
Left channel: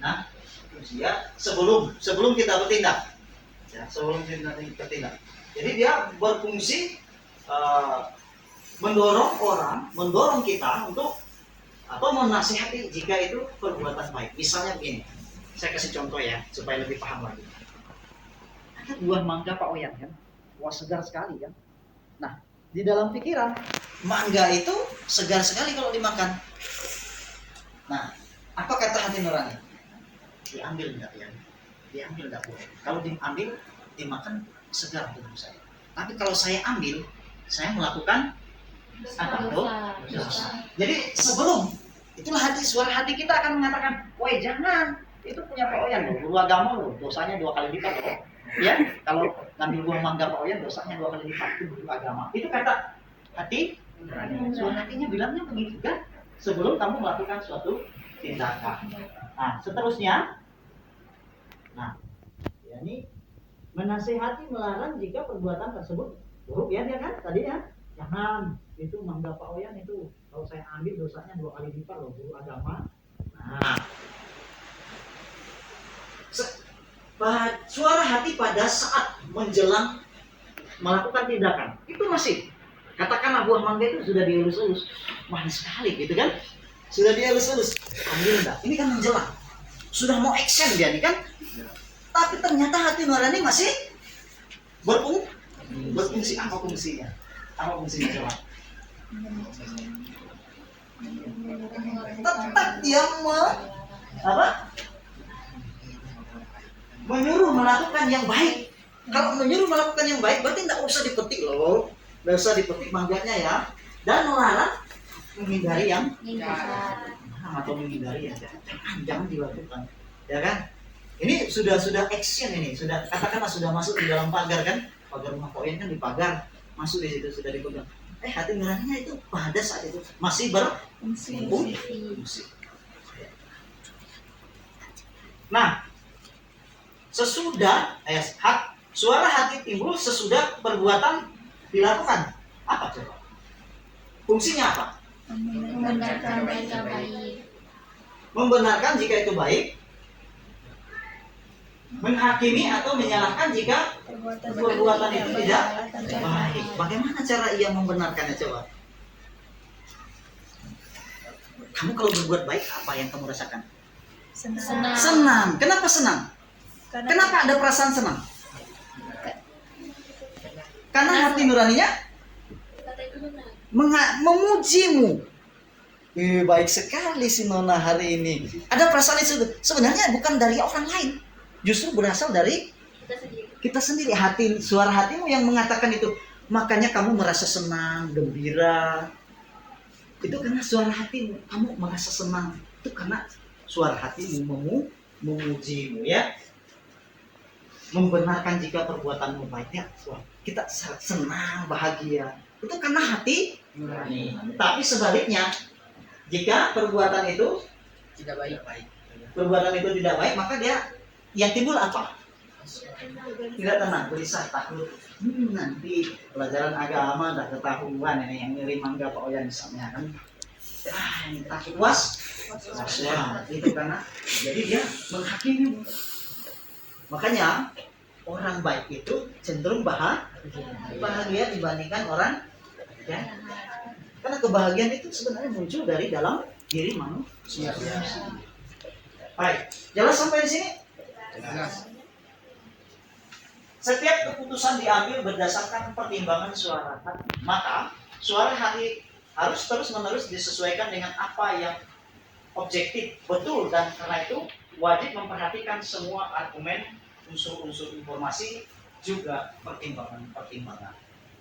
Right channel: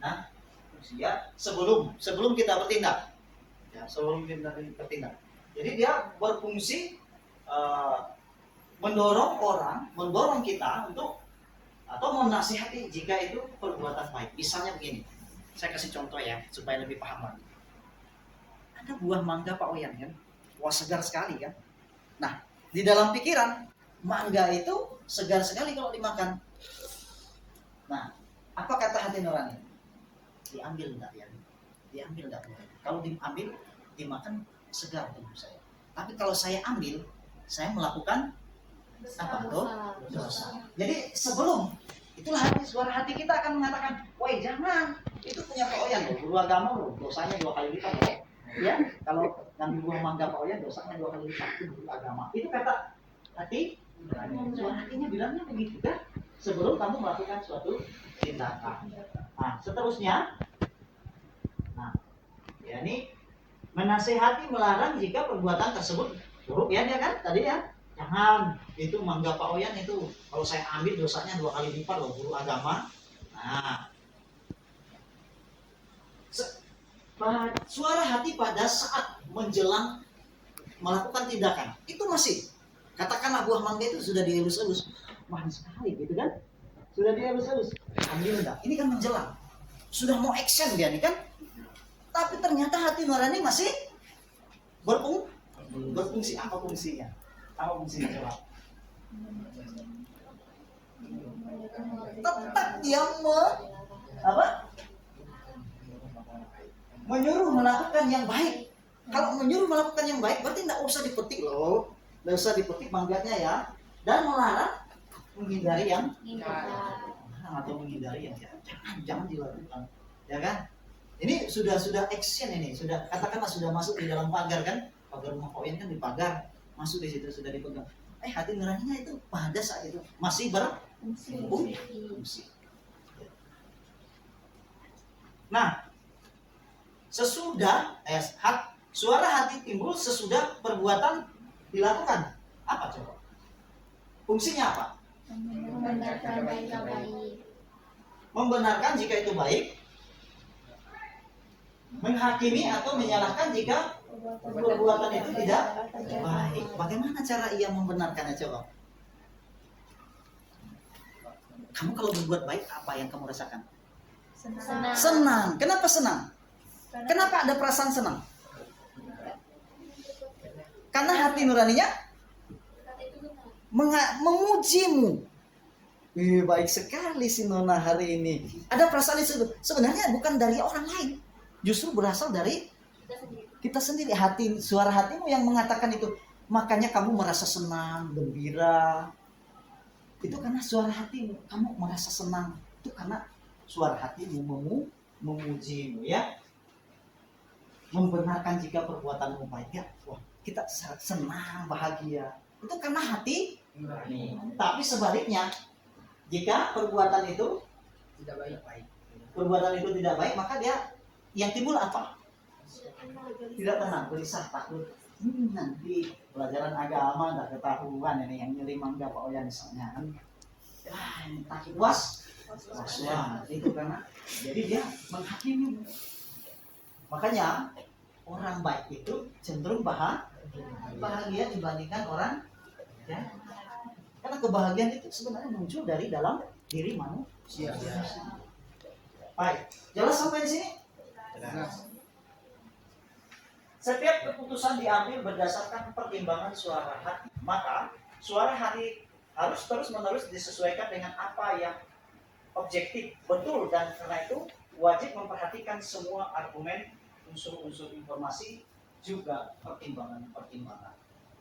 Nah, ya, sebelum kita bertindak. Ya, sebelum kita bertindak. Jadi dia berfungsi mendorong kita untuk atau menasihati jika itu perbuatan baik. Misalnya begini, saya kasih contoh ya supaya lebih paham lagi. Ada buah mangga Pak Oyan kan, wah segar sekali kan. Nah, di dalam pikiran mangga itu segar sekali kalau dimakan. Nah, apa kata hati nurani? Diambil enggak ya? Diambil enggak boleh. Kalau diambil, dimakan segar tubuh saya. Tapi kalau saya ambil, saya melakukan apa? Dosa. Jadi sebelum itulah suara hati kita akan mengatakan, woi jangan, itu punya Pak Oyan loh, guru agama loh, dosanya 2 kali lipat loh. Ya, kalau ngambil buah mangga Pak Oyan dosanya 2 kali lipat, itu guru agama. Itu kata hati, suara hatinya bilangnya begitu kan? Sebelum kamu melakukan suatu tindakan. Nah, seterusnya, nah, ya ini menasehati melarang jika perbuatan tersebut buruk ya dia kan tadi ya. Jangan, itu mangga Pak Oyan itu kalau saya ambil dosanya 2 kali lipat loh guru agama. Nah, suara hati pada saat menjelang melakukan tindakan itu masih katakanlah buah mangga itu sudah dielus-elus manis sekali gitu kan, sudah dielus-elus ambil enggak, ini kan menjelang sudah mau action dia nih kan, tapi ternyata hati nurani masih berfungsi. Apa fungsinya? Apa fungsinya coba? Tetap dia menyuruh melakukan yang baik. Kalau menyuruh melakukan yang baik berarti tidak usah dipetik loh, tidak usah dipetik mangganya ya, dan melarang menghindari yang atau menghindari ya jangan dilakukan ya kan. Ini sudah action, ini sudah katakanlah sudah masuk di dalam pagar kan, pagar rumah Pak Oyan kan di pagar, masuk di situ sudah dipegang. Hati nuraninya itu pada saat itu masih berfungsi. Nah, sesudah suara hati timbul sesudah perbuatan dilakukan. Apa coba? Fungsinya apa? Membenarkan jika baik. Membenarkan jika itu baik. Menghakimi atau menyalahkan jika perbuatan itu tidak baik. Bagaimana cara ia membenarkannya coba? Kamu kalau berbuat baik apa yang kamu rasakan? Senang. Kenapa senang? Kenapa ada perasaan senang? Karena hati nuraninya memujimu. Baik sekali si Nona hari ini. Ada perasaan itu sebenarnya bukan dari orang lain, justru berasal dari kita sendiri. Hati, suara hatimu yang mengatakan itu. Makanya kamu merasa senang, gembira. Itu karena suara hatimu. Kamu merasa senang. Itu karena suara hatimu memujimu ya. Membenarkan jika perbuatanmu baiknya. Wah, kita senang, bahagia. Itu karena hati nurani. Tapi sebaliknya, jika perbuatan itu tidak baik, perbuatan itu tidak baik, maka dia yang timbul apa? Tidak tenang, gelisah, takut. Nanti pelajaran agama dah ketahuan ini yang ngeri mangga Pak Oyan misalnya kan. Ini takut was. Itu karena jadi dia menghakimi. Makanya orang baik itu cenderung bahagia dibandingkan orang ya. Karena kebahagiaan itu sebenarnya muncul dari dalam diri manusia. Baik, jelas sampai di sini? jelas. Setiap keputusan diambil berdasarkan pertimbangan suara hati. Maka suara hati harus terus-menerus disesuaikan dengan apa yang objektif, betul, dan karena itu wajib memperhatikan semua argumen, unsur-unsur informasi, juga pertimbangan-pertimbangan.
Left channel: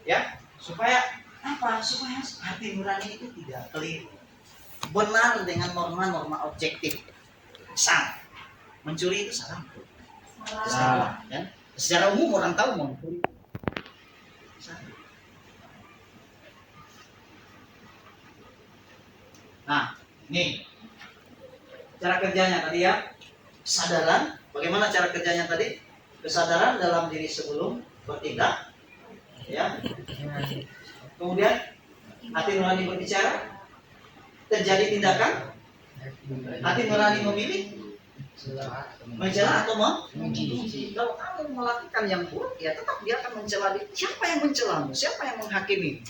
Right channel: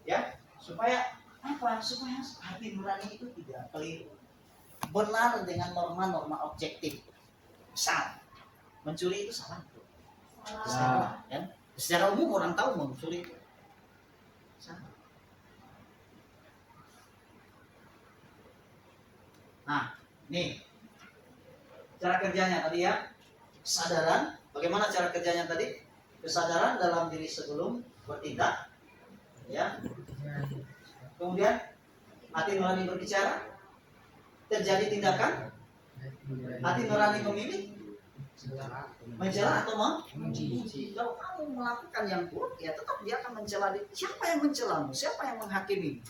Ya, supaya apa? Supaya hati nurani itu tidak keliru. Benar dengan norma-norma objektif. Misal, mencuri itu salah. Salah, kan? Secara umum orang tahu mau mencuri. Salah. Nah, nih cara kerjanya tadi ya, kesadaran. Bagaimana cara kerjanya tadi? Kesadaran dalam diri sebelum bertindak, ya. Kemudian hati nurani berbicara, terjadi tindakan, hati nurani memilih, mencela atau memuji. Kalau kamu melakukan yang buruk, ya tetap dia akan mencela. Siapa yang mencelamu? Siapa yang menghakimi?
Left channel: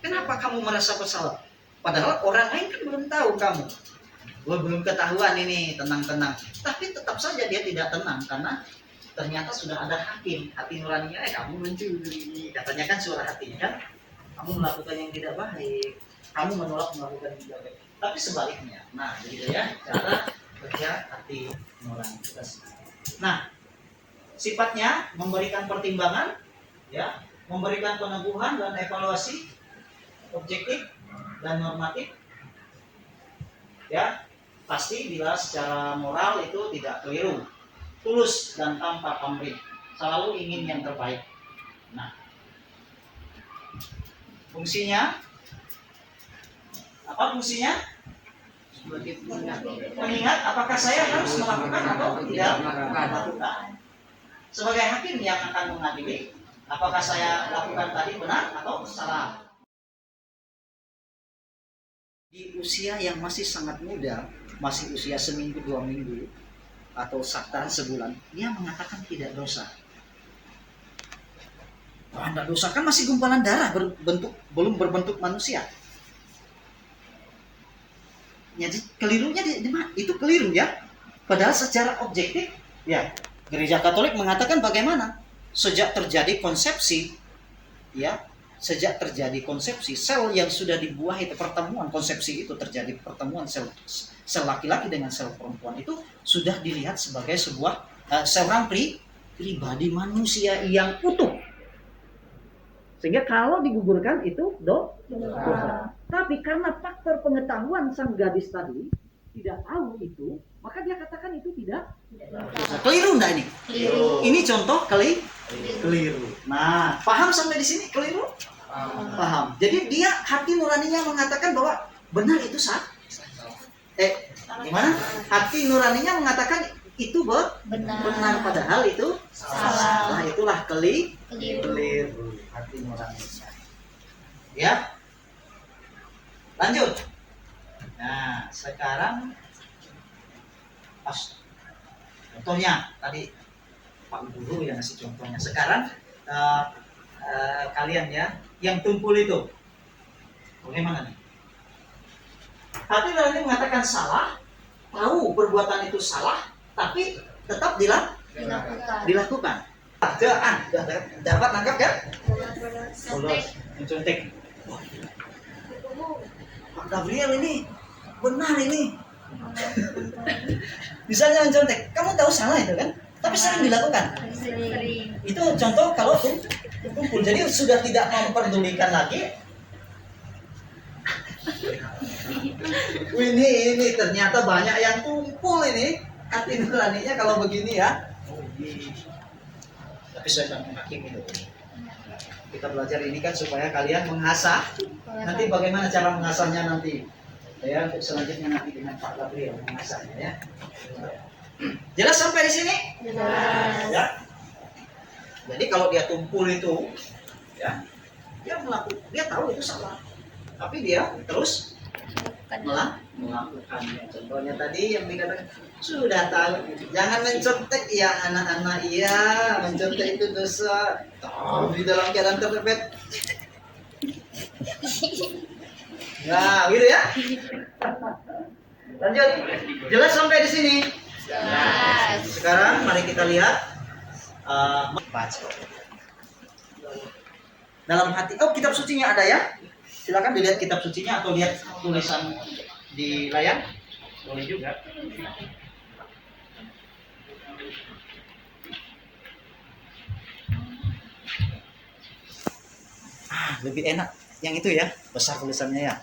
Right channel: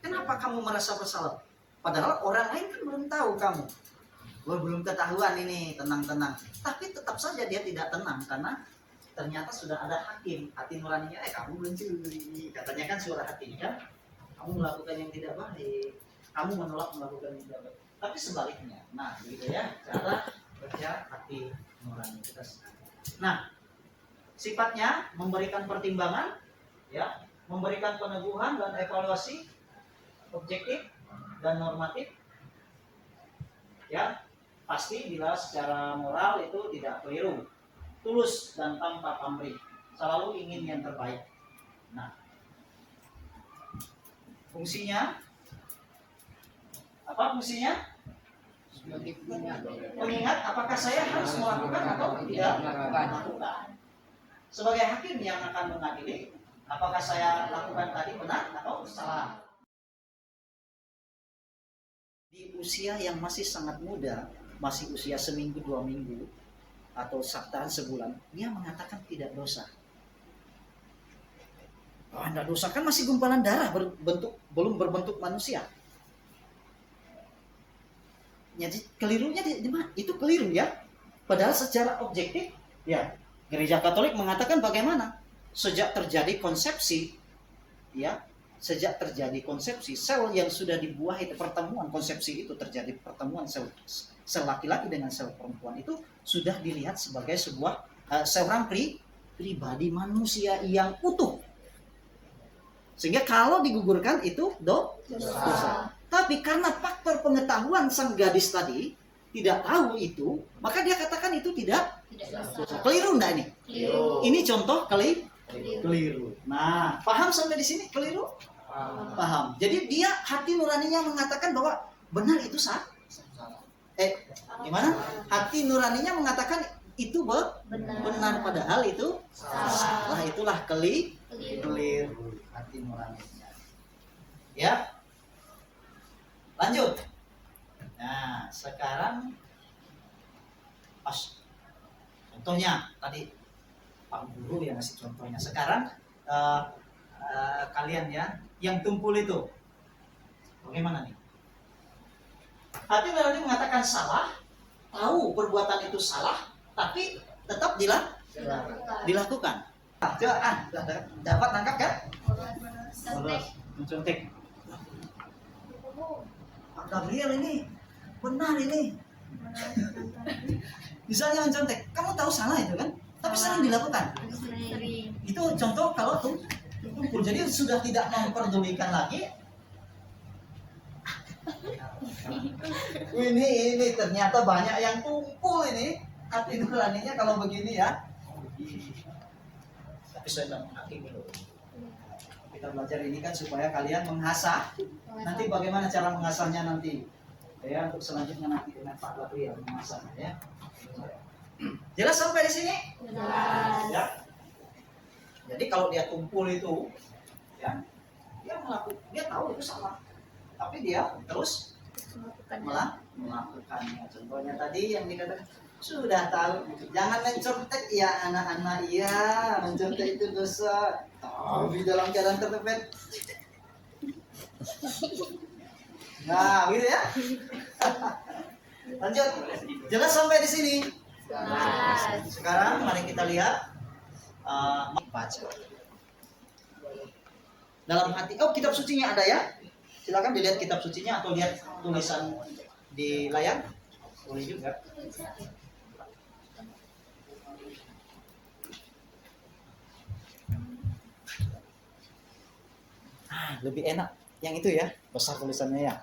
Kenapa kamu merasa bersalah? Padahal orang lain kan belum tahu kamu. Belum ketahuan ini, tenang-tenang. Tapi tetap saja dia tidak tenang karena ternyata sudah ada hakim, hati nuraninya. Kamu mencuri, katanya kan suara hatinya kan. Kamu melakukan yang tidak baik. Kamu menolak melakukan yang tidak baik. Tapi sebaliknya. Nah, jadi ya cara kerja hati nurani kita. Nah, sifatnya memberikan pertimbangan, ya, memberikan peneguhan dan evaluasi objektif dan normatif, ya. Pasti bila secara moral itu tidak keliru, tulus dan tanpa pamrih, selalu ingin yang terbaik. Nah, fungsinya apa? Fungsinya mengingat apakah saya harus melakukan atau tidak melakukan. Sebagai hakim yang akan mengadili, apakah saya lakukan tadi benar atau salah. Di usia yang masih sangat muda, masih usia seminggu 2 minggu atau saktaan sebulan, dia mengatakan tidak dosa. Anda dosa kan masih gumpalan darah belum berbentuk manusia. Jadi kelirunya itu keliru ya. Padahal secara objektif, ya, Gereja Katolik mengatakan bagaimana? Sejak terjadi konsepsi, ya, sejak terjadi konsepsi, sel yang sudah dibuah itu, pertemuan konsepsi itu terjadi, pertemuan sel laki-laki dengan sel perempuan itu sudah dilihat sebagai sebuah seorang pribadi manusia yang utuh. Sehingga kalau digugurkan itu dosa. Tapi karena faktor pengetahuan sang gadis tadi tidak tahu itu, maka dia katakan itu tidak dosa. Keliru enggak ini? Keliru. Ini contoh keliru. Nah, paham sampai di sini keliru? Paham. Jadi dia hati nuraninya mengatakan bahwa benar itu sah. Gimana? Hati nuraninya mengatakan itu benar padahal itu salah. Itulah keliru hati nuraninya. Ya. Lanjut. Nah, sekarang pas contohnya tadi Pak Guru yang ngasih contohnya. Sekarang kalian ya yang tumpul itu bagaimana nih? Hati nurani mengatakan salah, tahu perbuatan itu salah, tapi tetap dilakukan. Dapat nangkap kan? Mencontek. Pak Gabriel ini benar ini. Misalnya mencontek, kamu tahu salah itu kan? Tapi sering dilakukan. Itu contoh kalau tumpul. Jadi sudah tidak memperdulikan lagi. Ini ternyata banyak yang tumpul ini hati nuraninya kalau begini ya. Tapi saya tidak menghakimi itu. Kita belajar ini kan supaya kalian mengasah. Nanti bagaimana cara mengasahnya nanti? Ya, untuk selanjutnya nanti dengan Pak Gabriel mengasahnya ya. Jelas sampai di sini? Jelas. Ya. Jadi kalau dia tumpul itu, ya, dia tahu itu salah, tapi dia terus melakukannya. Contohnya tadi yang dikatakan sudah tahu, jangan mencontek ya anak-anak, iya mencontek itu dosa. Di dalam keadaan terpepet. Nah, gitu ya. Lanjut. Jelas sampai di sini? Jelas. Sekarang mari kita lihat baca. Dalam hati. Oh, kitab sucinya ada ya? Silakan dilihat kitab sucinya atau lihat tulisan di layar. Boleh juga. Lebih enak yang itu ya, besar tulisannya ya.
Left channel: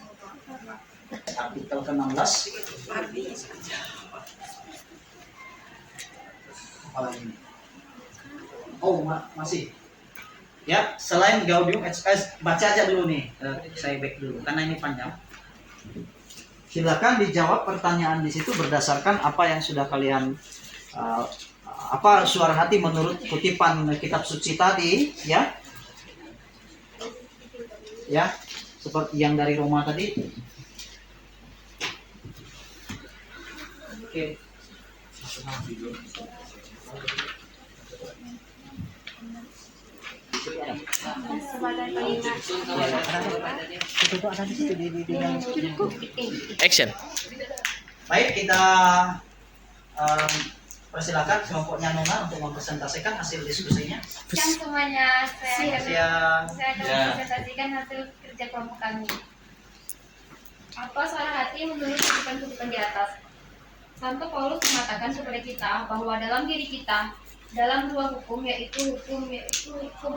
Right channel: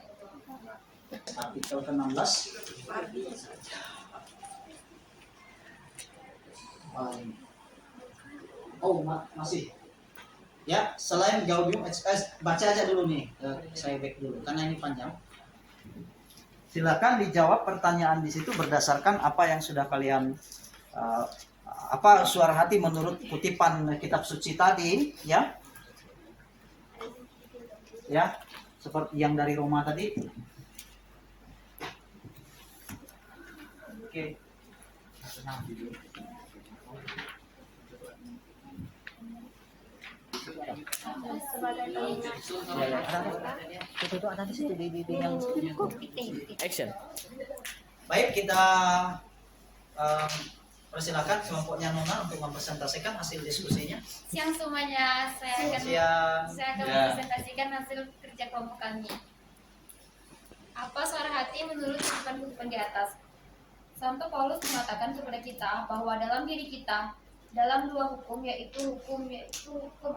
Artikel ke-16. Apalagi? Oh, masih. Ya, selain Gaudium et Spes, baca aja dulu nih. Saya back dulu karena ini panjang. Silakan dijawab pertanyaan di situ berdasarkan apa yang sudah kalian apa suara hati menurut kutipan kitab suci tadi, ya. Ya, seperti yang dari Roma tadi. Oke. Action. Baik, kita persilakan semampunya Nona untuk mempresentasikan hasil diskusinya. Siang semuanya, Siang. saya akan mempresentasikan hasil kerja kelompok kami. Apa suara hati menurut kutipan-kutipan di atas? Santo Paulus mengatakan kepada kita bahwa dalam diri kita dalam dua hukum, yaitu hukum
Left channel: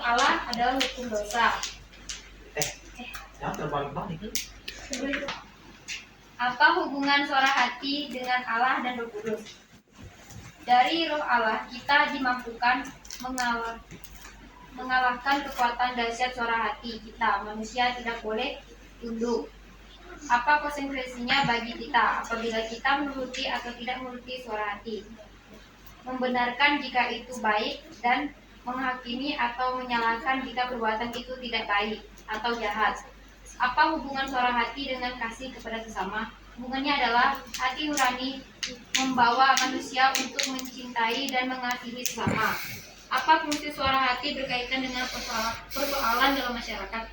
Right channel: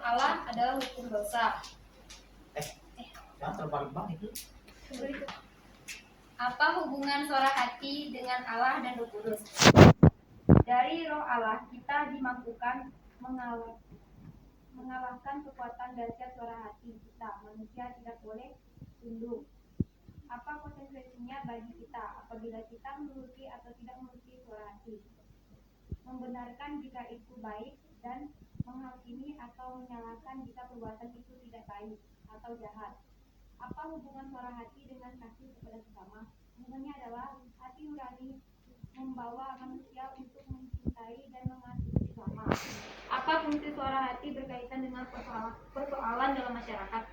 Allah adalah hukum dosa. Yang terbalik-balik. Apa hubungan suara hati dengan Allah dan Roh Kudus? Dari Roh Allah kita dimampukan mengalahkan kekuatan dahsyat suara hati kita. Manusia tidak boleh tunduk. Apa konsekuensinya bagi kita apabila kita menuruti atau tidak menuruti suara hati? Membenarkan jika itu baik dan menghakimi atau menyalahkan jika perbuatan itu tidak baik atau jahat. Apa hubungan suara hati dengan kasih kepada sesama? Hubungannya adalah hati nurani membawa manusia untuk mencintai dan mengasihi sesama. Apa fungsi suara hati berkaitan dengan persoalan dalam masyarakat?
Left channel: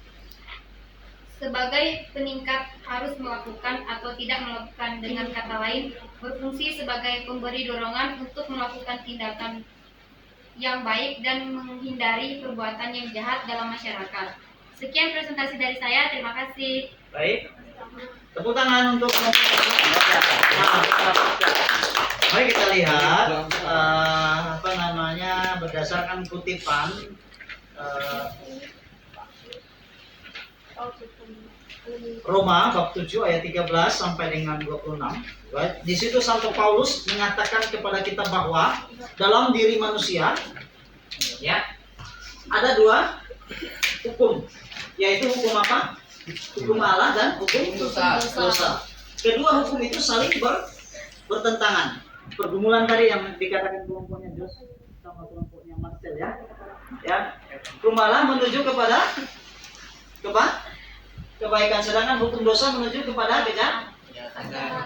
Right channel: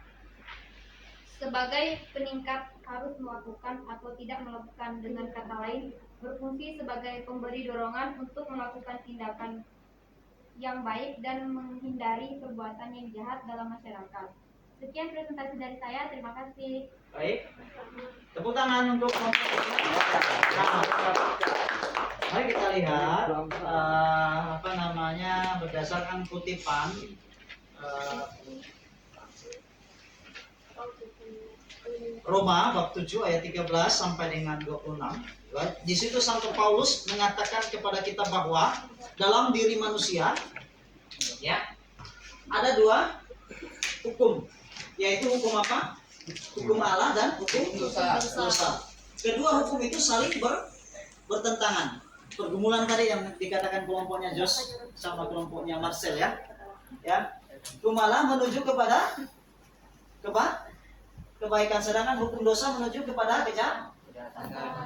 Sebagai peningkat harus melakukan atau tidak melakukan, dengan kata lain berfungsi sebagai pemberi dorongan untuk melakukan tindakan yang baik dan menghindari perbuatan yang jahat dalam masyarakat. Sekian presentasi dari saya, terima kasih. Baik. Tepuk tangan untuk mari kita lihat berdasarkan kutipan Roma bab 7 ayat 13 sampai dengan 26. Baik, di situ Santo Paulus mengatakan kepada kita bahwa dalam diri manusia ya ada dua hukum, yaitu hukum apa? Hukum Allah dan hukum dosa. Kedua hukum itu saling bertentangan. Pergumulan tadi yang dikatakan kelompoknya Jos sama kelompoknya Marcel ya. Ya. Hukum Allah menuju kepada kebaikan, sedangkan hukum dosa menuju kepada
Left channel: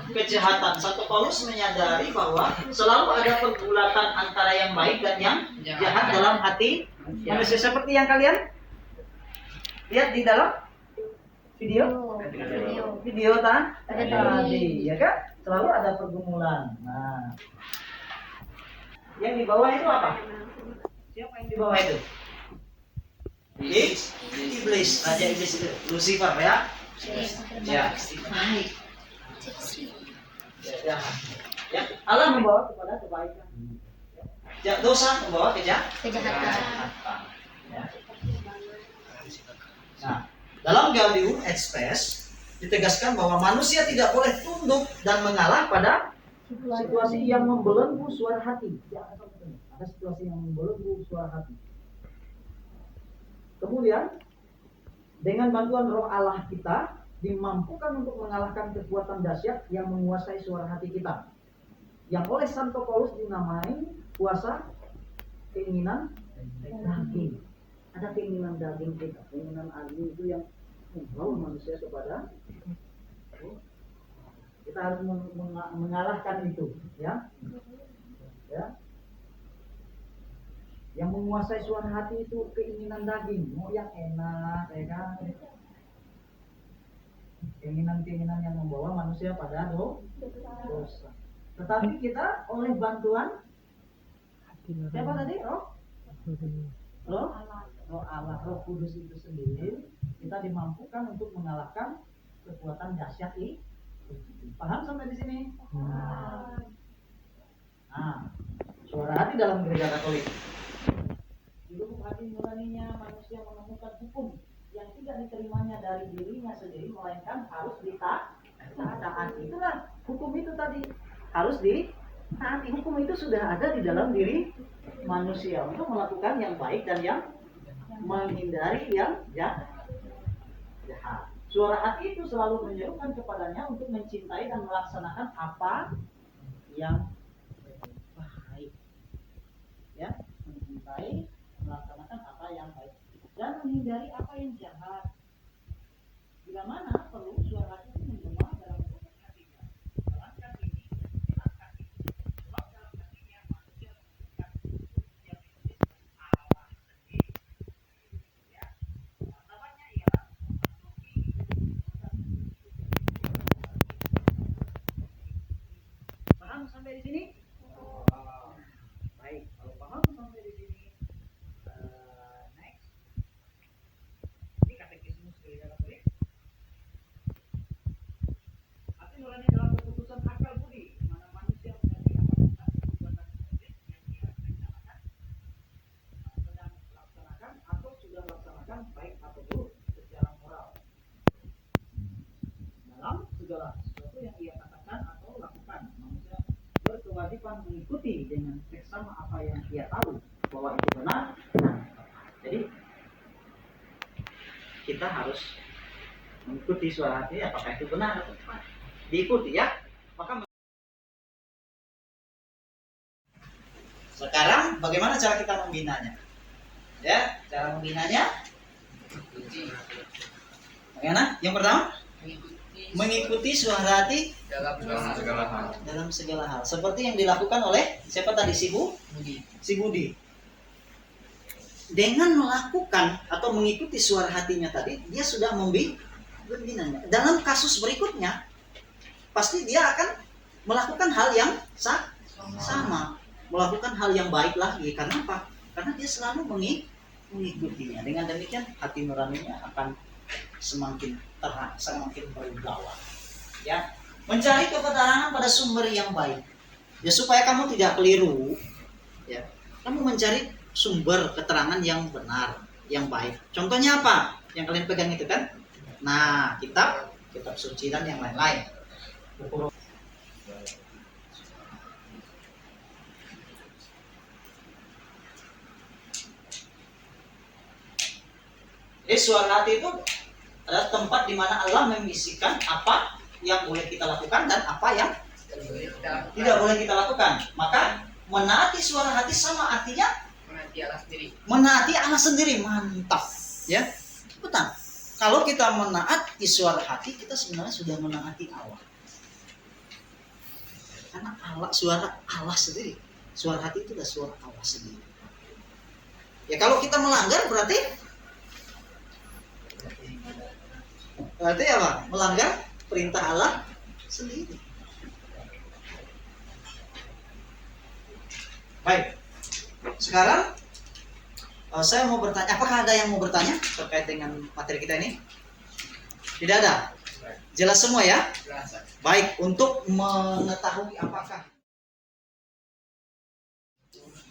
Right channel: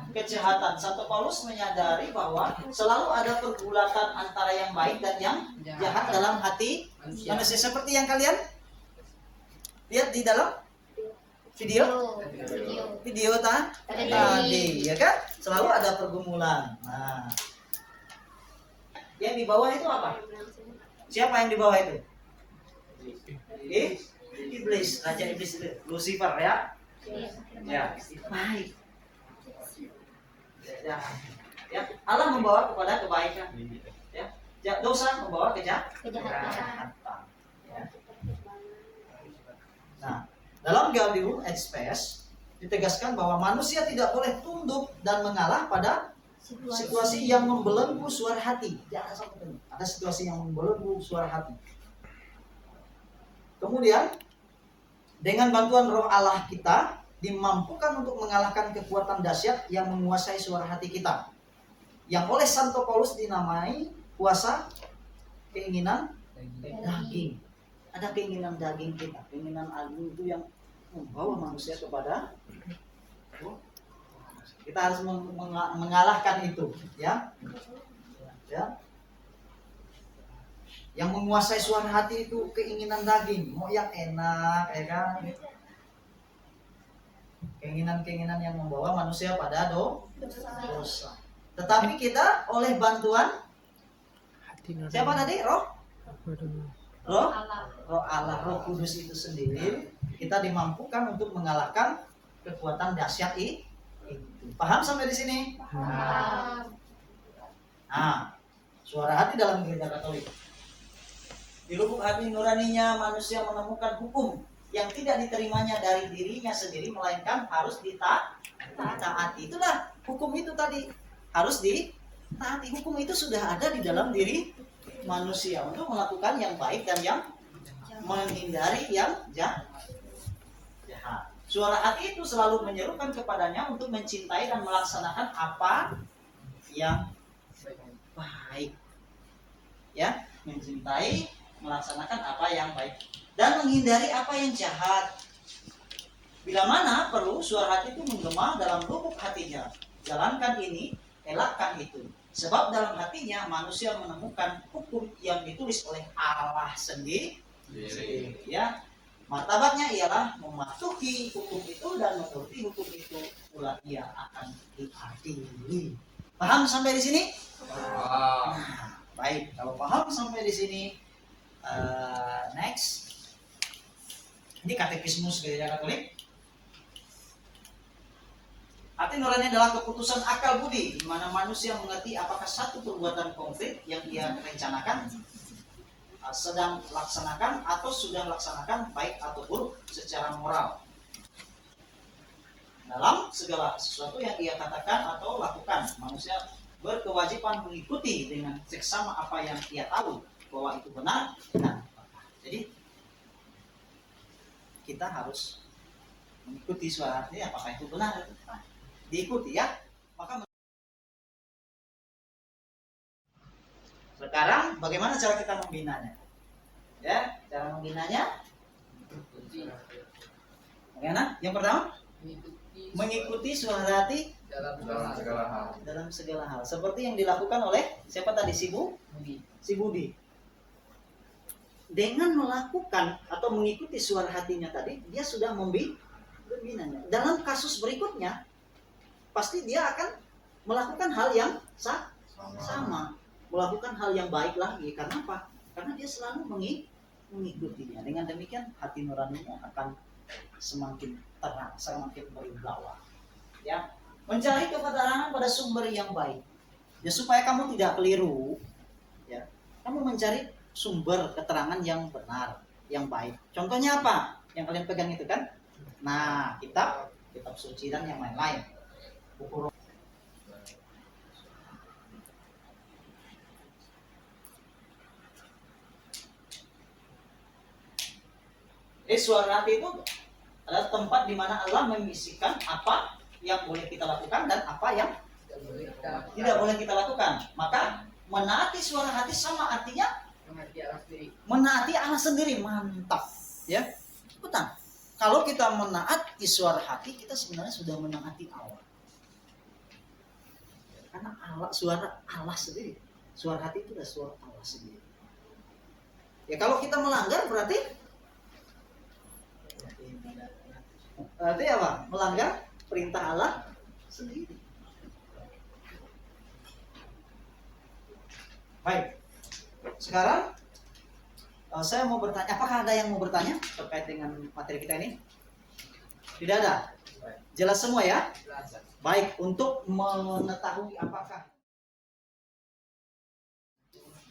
kejahatan. Santo Paulus menyadari bahwa selalu ada pergulatan antara yang baik dan yang jahat dalam hati manusia, seperti yang kalian lihat di dalam video tadi, ya kan? Selalu ada pergumulan. Nah, yang di bawah itu apa? Siapa yang di bawah itu? Iblis, raja iblis itu, Lucifer ya. Ya. Ya, Allah membawa kepada kebaikan. Ya. Dosa membawa kejahatan. Ya. Nah, dalam Gaudium et Spes ditegaskan bahwa manusia tidak boleh tunduk dan mengalah pada situasi yang membelenggu suara hati. Jangan sampai ada situasi yang membelenggu suara hati. Kemudian dengan bantuan Roh Allah kita dimampukan untuk mengalahkan kekuatan dahsyat yang menguasai suara hati kita, yang oleh Santo Paulus dinamai kuasa keinginan daging. Ada keinginan daging kita, keinginan daging itu yang membawa manusia kepada kita harus mengalahkan itu, ya. Yang menguasai suara hati itu keinginan daging, mau yang enak, ya kan? Keinginan-keinginan yang membawa manusia pada dosa. Tetapi kita oleh bantuan siapa tadi? Roh Allah, Roh Kudus itu sendiri, kita dimampukan untuk mengalahkan kekuatan dahsyat itu. Paham sampai di sini? Nah, suara hati dalam gereja Katolik. Di lubuk hati nuraninya manusia menemukan hukum yang tidak diterimanya dari dirinya sendiri, melainkan harus ditaati. Itulah hukum itu tadi, harus ditaati. Hukum itu sudah ada di dalam diri manusia untuk melakukan yang baik dan yang menghindari yang jahat. Suara hati itu selalu menyerukan kepadanya untuk mencintai dan melaksanakan apa yang baik. Ya, mencintai, melaksanakan apa yang baik dan menghindari apa yang jahat. Bila mana perlu, suara hati itu menggema dalam lubuk hatinya. Jalankan ini, elakkan itu. Sebab dalam hatinya manusia menemukan hukum yang ditulis oleh Allah sendiri. Ya, martabatnya ialah mematuhi hukum itu dan menuruti hukum itu, pula ia akan diadili. Paham sampai di sini? Nah, baik, kalau paham sampai di sini, next. Ini katekismus Gereja Katolik. Hati nurani adalah keputusan akal budi, di mana manusia mengerti apakah satu perbuatan konkret yang ia rencanakan, sedang laksanakan atau sudah laksanakan, baik atau buruk secara moral. Dalam segala sesuatu yang ia katakan atau lakukan, manusia berkewajiban mengikuti dengan seksama apa yang ia tahu bahwa itu benar. Jadi kita harus mengikuti suara hati, apakah itu benar atau tidak. Diikuti ya. Maka sekarang bagaimana cara kita membinanya? Ya, cara membinanya bagaimana? Yang pertama, mengikuti suara hati dalam segala hal. Seperti yang dilakukan oleh siapa tadi? Si Budi. Dengan melakukan atau mengikuti suara hatinya tadi, dia sudah membinanya. Dalam kasus berikutnya, pasti dia akan melakukan hal yang sama, melakukan hal yang baik lagi. Karena apa? Karena dia selalu mengikutinya. Dengan demikian hati nuraninya akan semakin terang, semakin berwibawa. Ya, mencari kebenaran pada sumber yang baik. Ya, supaya kamu tidak keliru. Ya, kamu mencari sumber keterangan yang benar, yang baik. Contohnya apa? Yang kalian pegang itu kan? Nah, kitab suci dan yang lain-lain. Jadi suara hati itu adalah tempat di mana Allah membisikkan apa yang boleh kita lakukan dan apa yang tidak boleh kita lakukan. Maka menaati suara hati sama artinya menaati Allah sendiri. Mantap, ya, betul. Kalau kita menaati suara hati, kita sebenarnya sudah menaati Allah. Karena suara Allah sendiri, suara hati itu adalah suara Allah sendiri. Ya, kalau kita melanggar berarti apa? Melanggar perintah Allah sendiri. Baik. Sekarang saya mau bertanya, apakah ada yang mau bertanya terkait dengan materi kita ini? Tidak ada. Jelas semua ya? Baik, untuk mengetahui apakah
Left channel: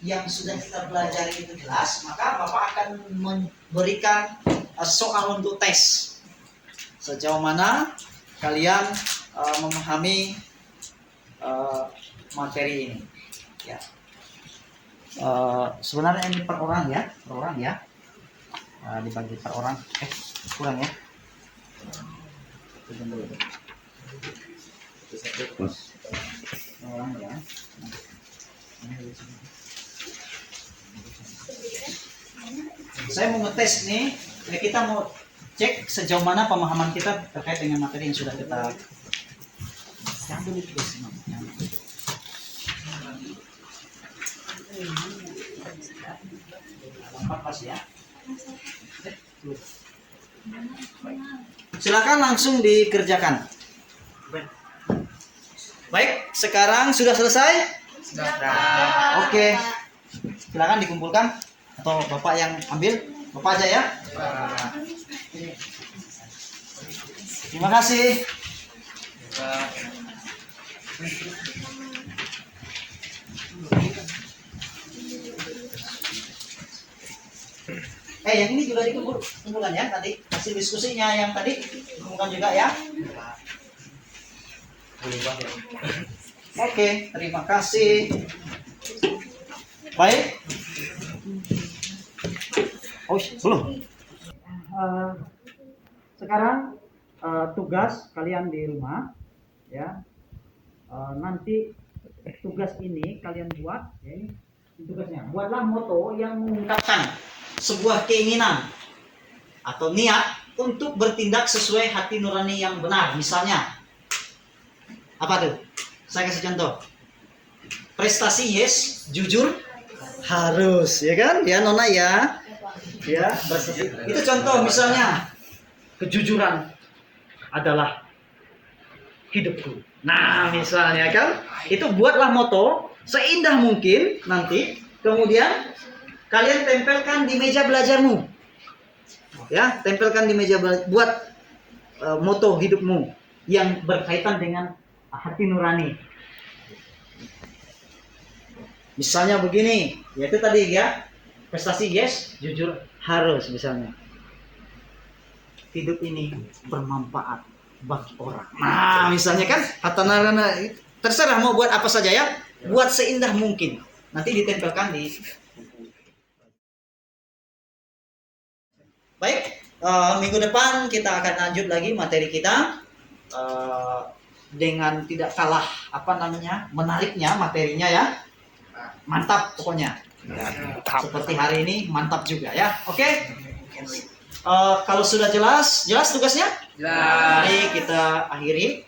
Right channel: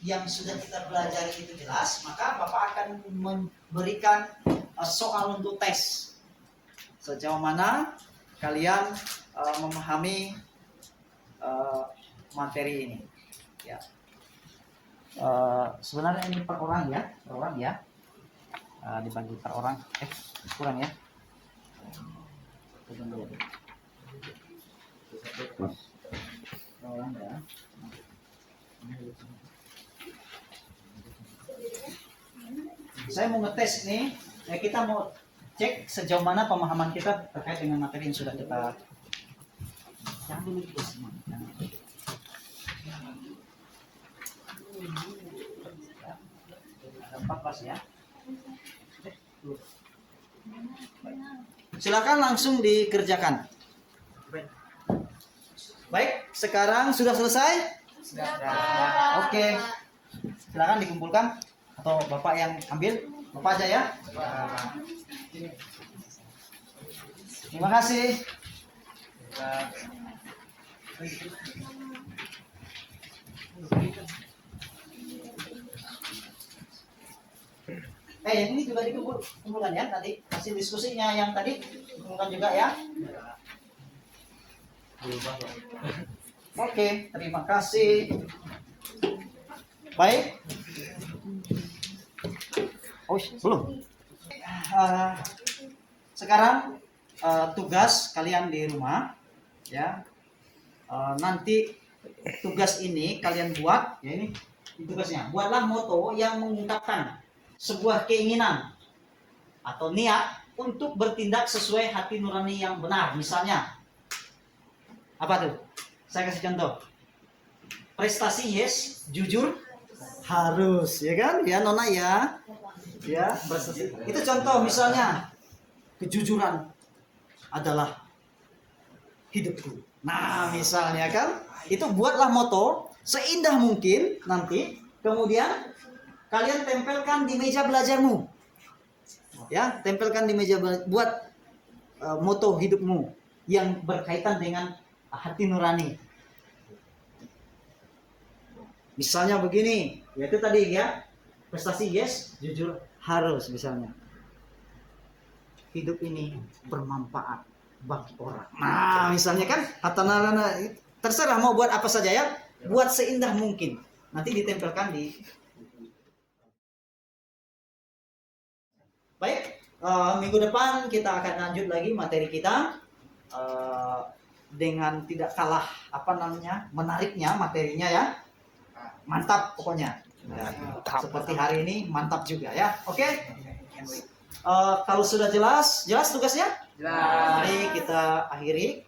yang sudah kita pelajari itu jelas, maka Bapak akan memberikan soal untuk tes. Sejauh mana kalian memahami materi ini? Ya. Sebenarnya ini per orang ya, dibagi per orang. Kurang ya. Orang ya. Saya mau ngetes nih, kita mau cek sejauh mana pemahaman kita terkait dengan materi yang sudah kita ambil itu. Ada 4 pas ya. Silakan langsung dikerjakan. Baik, sekarang sudah selesai? Sudah. Oke. Silakan dikumpulkan atau Bapak yang ambil, Bapak aja ya. Terima kasih. Yang ini juga dikumpulkan ya tadi, hasil diskusinya yang tadi dikumpulkan juga ya. Oke, terima kasih. Baik. Oh, belum. Sekarang tugas kalian di rumah ya. Nanti tugas ini kalian buat ya, ini tugasnya. Buatlah moto yang mengungkapkan sebuah keinginan atau niat untuk bertindak sesuai hati nurani yang benar. Misalnya apa tuh? Saya kasih contoh. Prestasi yes, jujur harus, ya kan? Ya Nona ya. Ya, itu contoh misalnya. Kejujuran adalah hidupku. Nah, misalnya kan, itu buatlah moto seindah mungkin nanti, kemudian kalian tempelkan di meja belajarmu. Ya, tempelkan di meja belajar, buat moto hidupmu yang berkaitan dengan hati nurani. Misalnya begini, yaitu tadi ya, prestasi yes, jujur harus misalnya. Hidup ini bermanfaat bagi orang. Nah, misalnya kan, kata Narana, terserah mau buat apa saja ya, buat seindah mungkin. Nanti ditempelkan di. Baik, minggu depan kita akan lanjut lagi materi kita dengan tidak kalah menariknya materinya ya. Mantap pokoknya. Ya, seperti hari ini mantap juga ya. Oke. Kalau sudah jelas tugasnya? Mari kita akhiri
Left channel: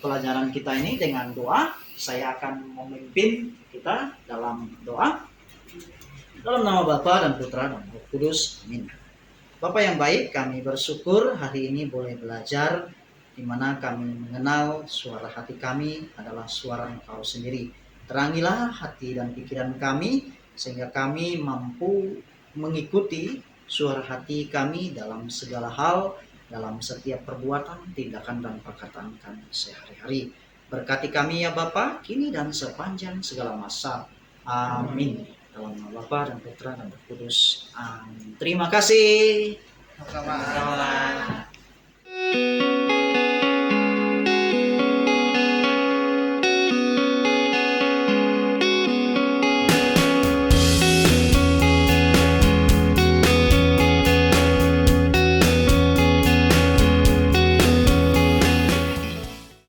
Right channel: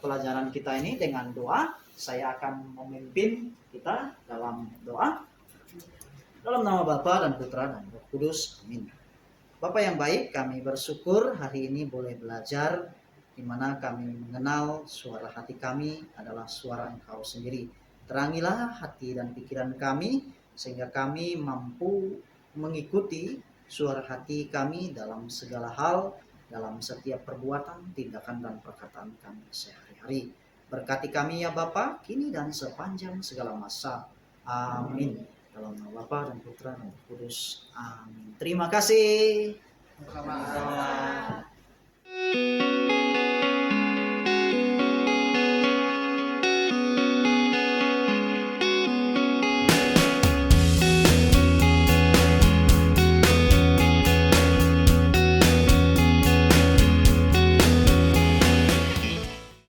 pelajaran kita ini dengan doa. Saya akan memimpin kita dalam doa. Dalam nama Bapa dan Putra dan Roh Kudus. Amin. Bapak yang baik, kami bersyukur hari ini boleh belajar di mana kami mengenal suara hati kami adalah suara Engkau sendiri. Terangilah hati dan pikiran kami sehingga kami mampu mengikuti suara hati kami dalam segala hal, dalam setiap perbuatan, tindakan, dan perkataan kami sehari-hari. Berkati kami ya Bapa, kini dan sepanjang segala masa. Amin. Dalam nama Bapa dan Putra dan Roh Kudus. Amin. Terima kasih. Sama-sama.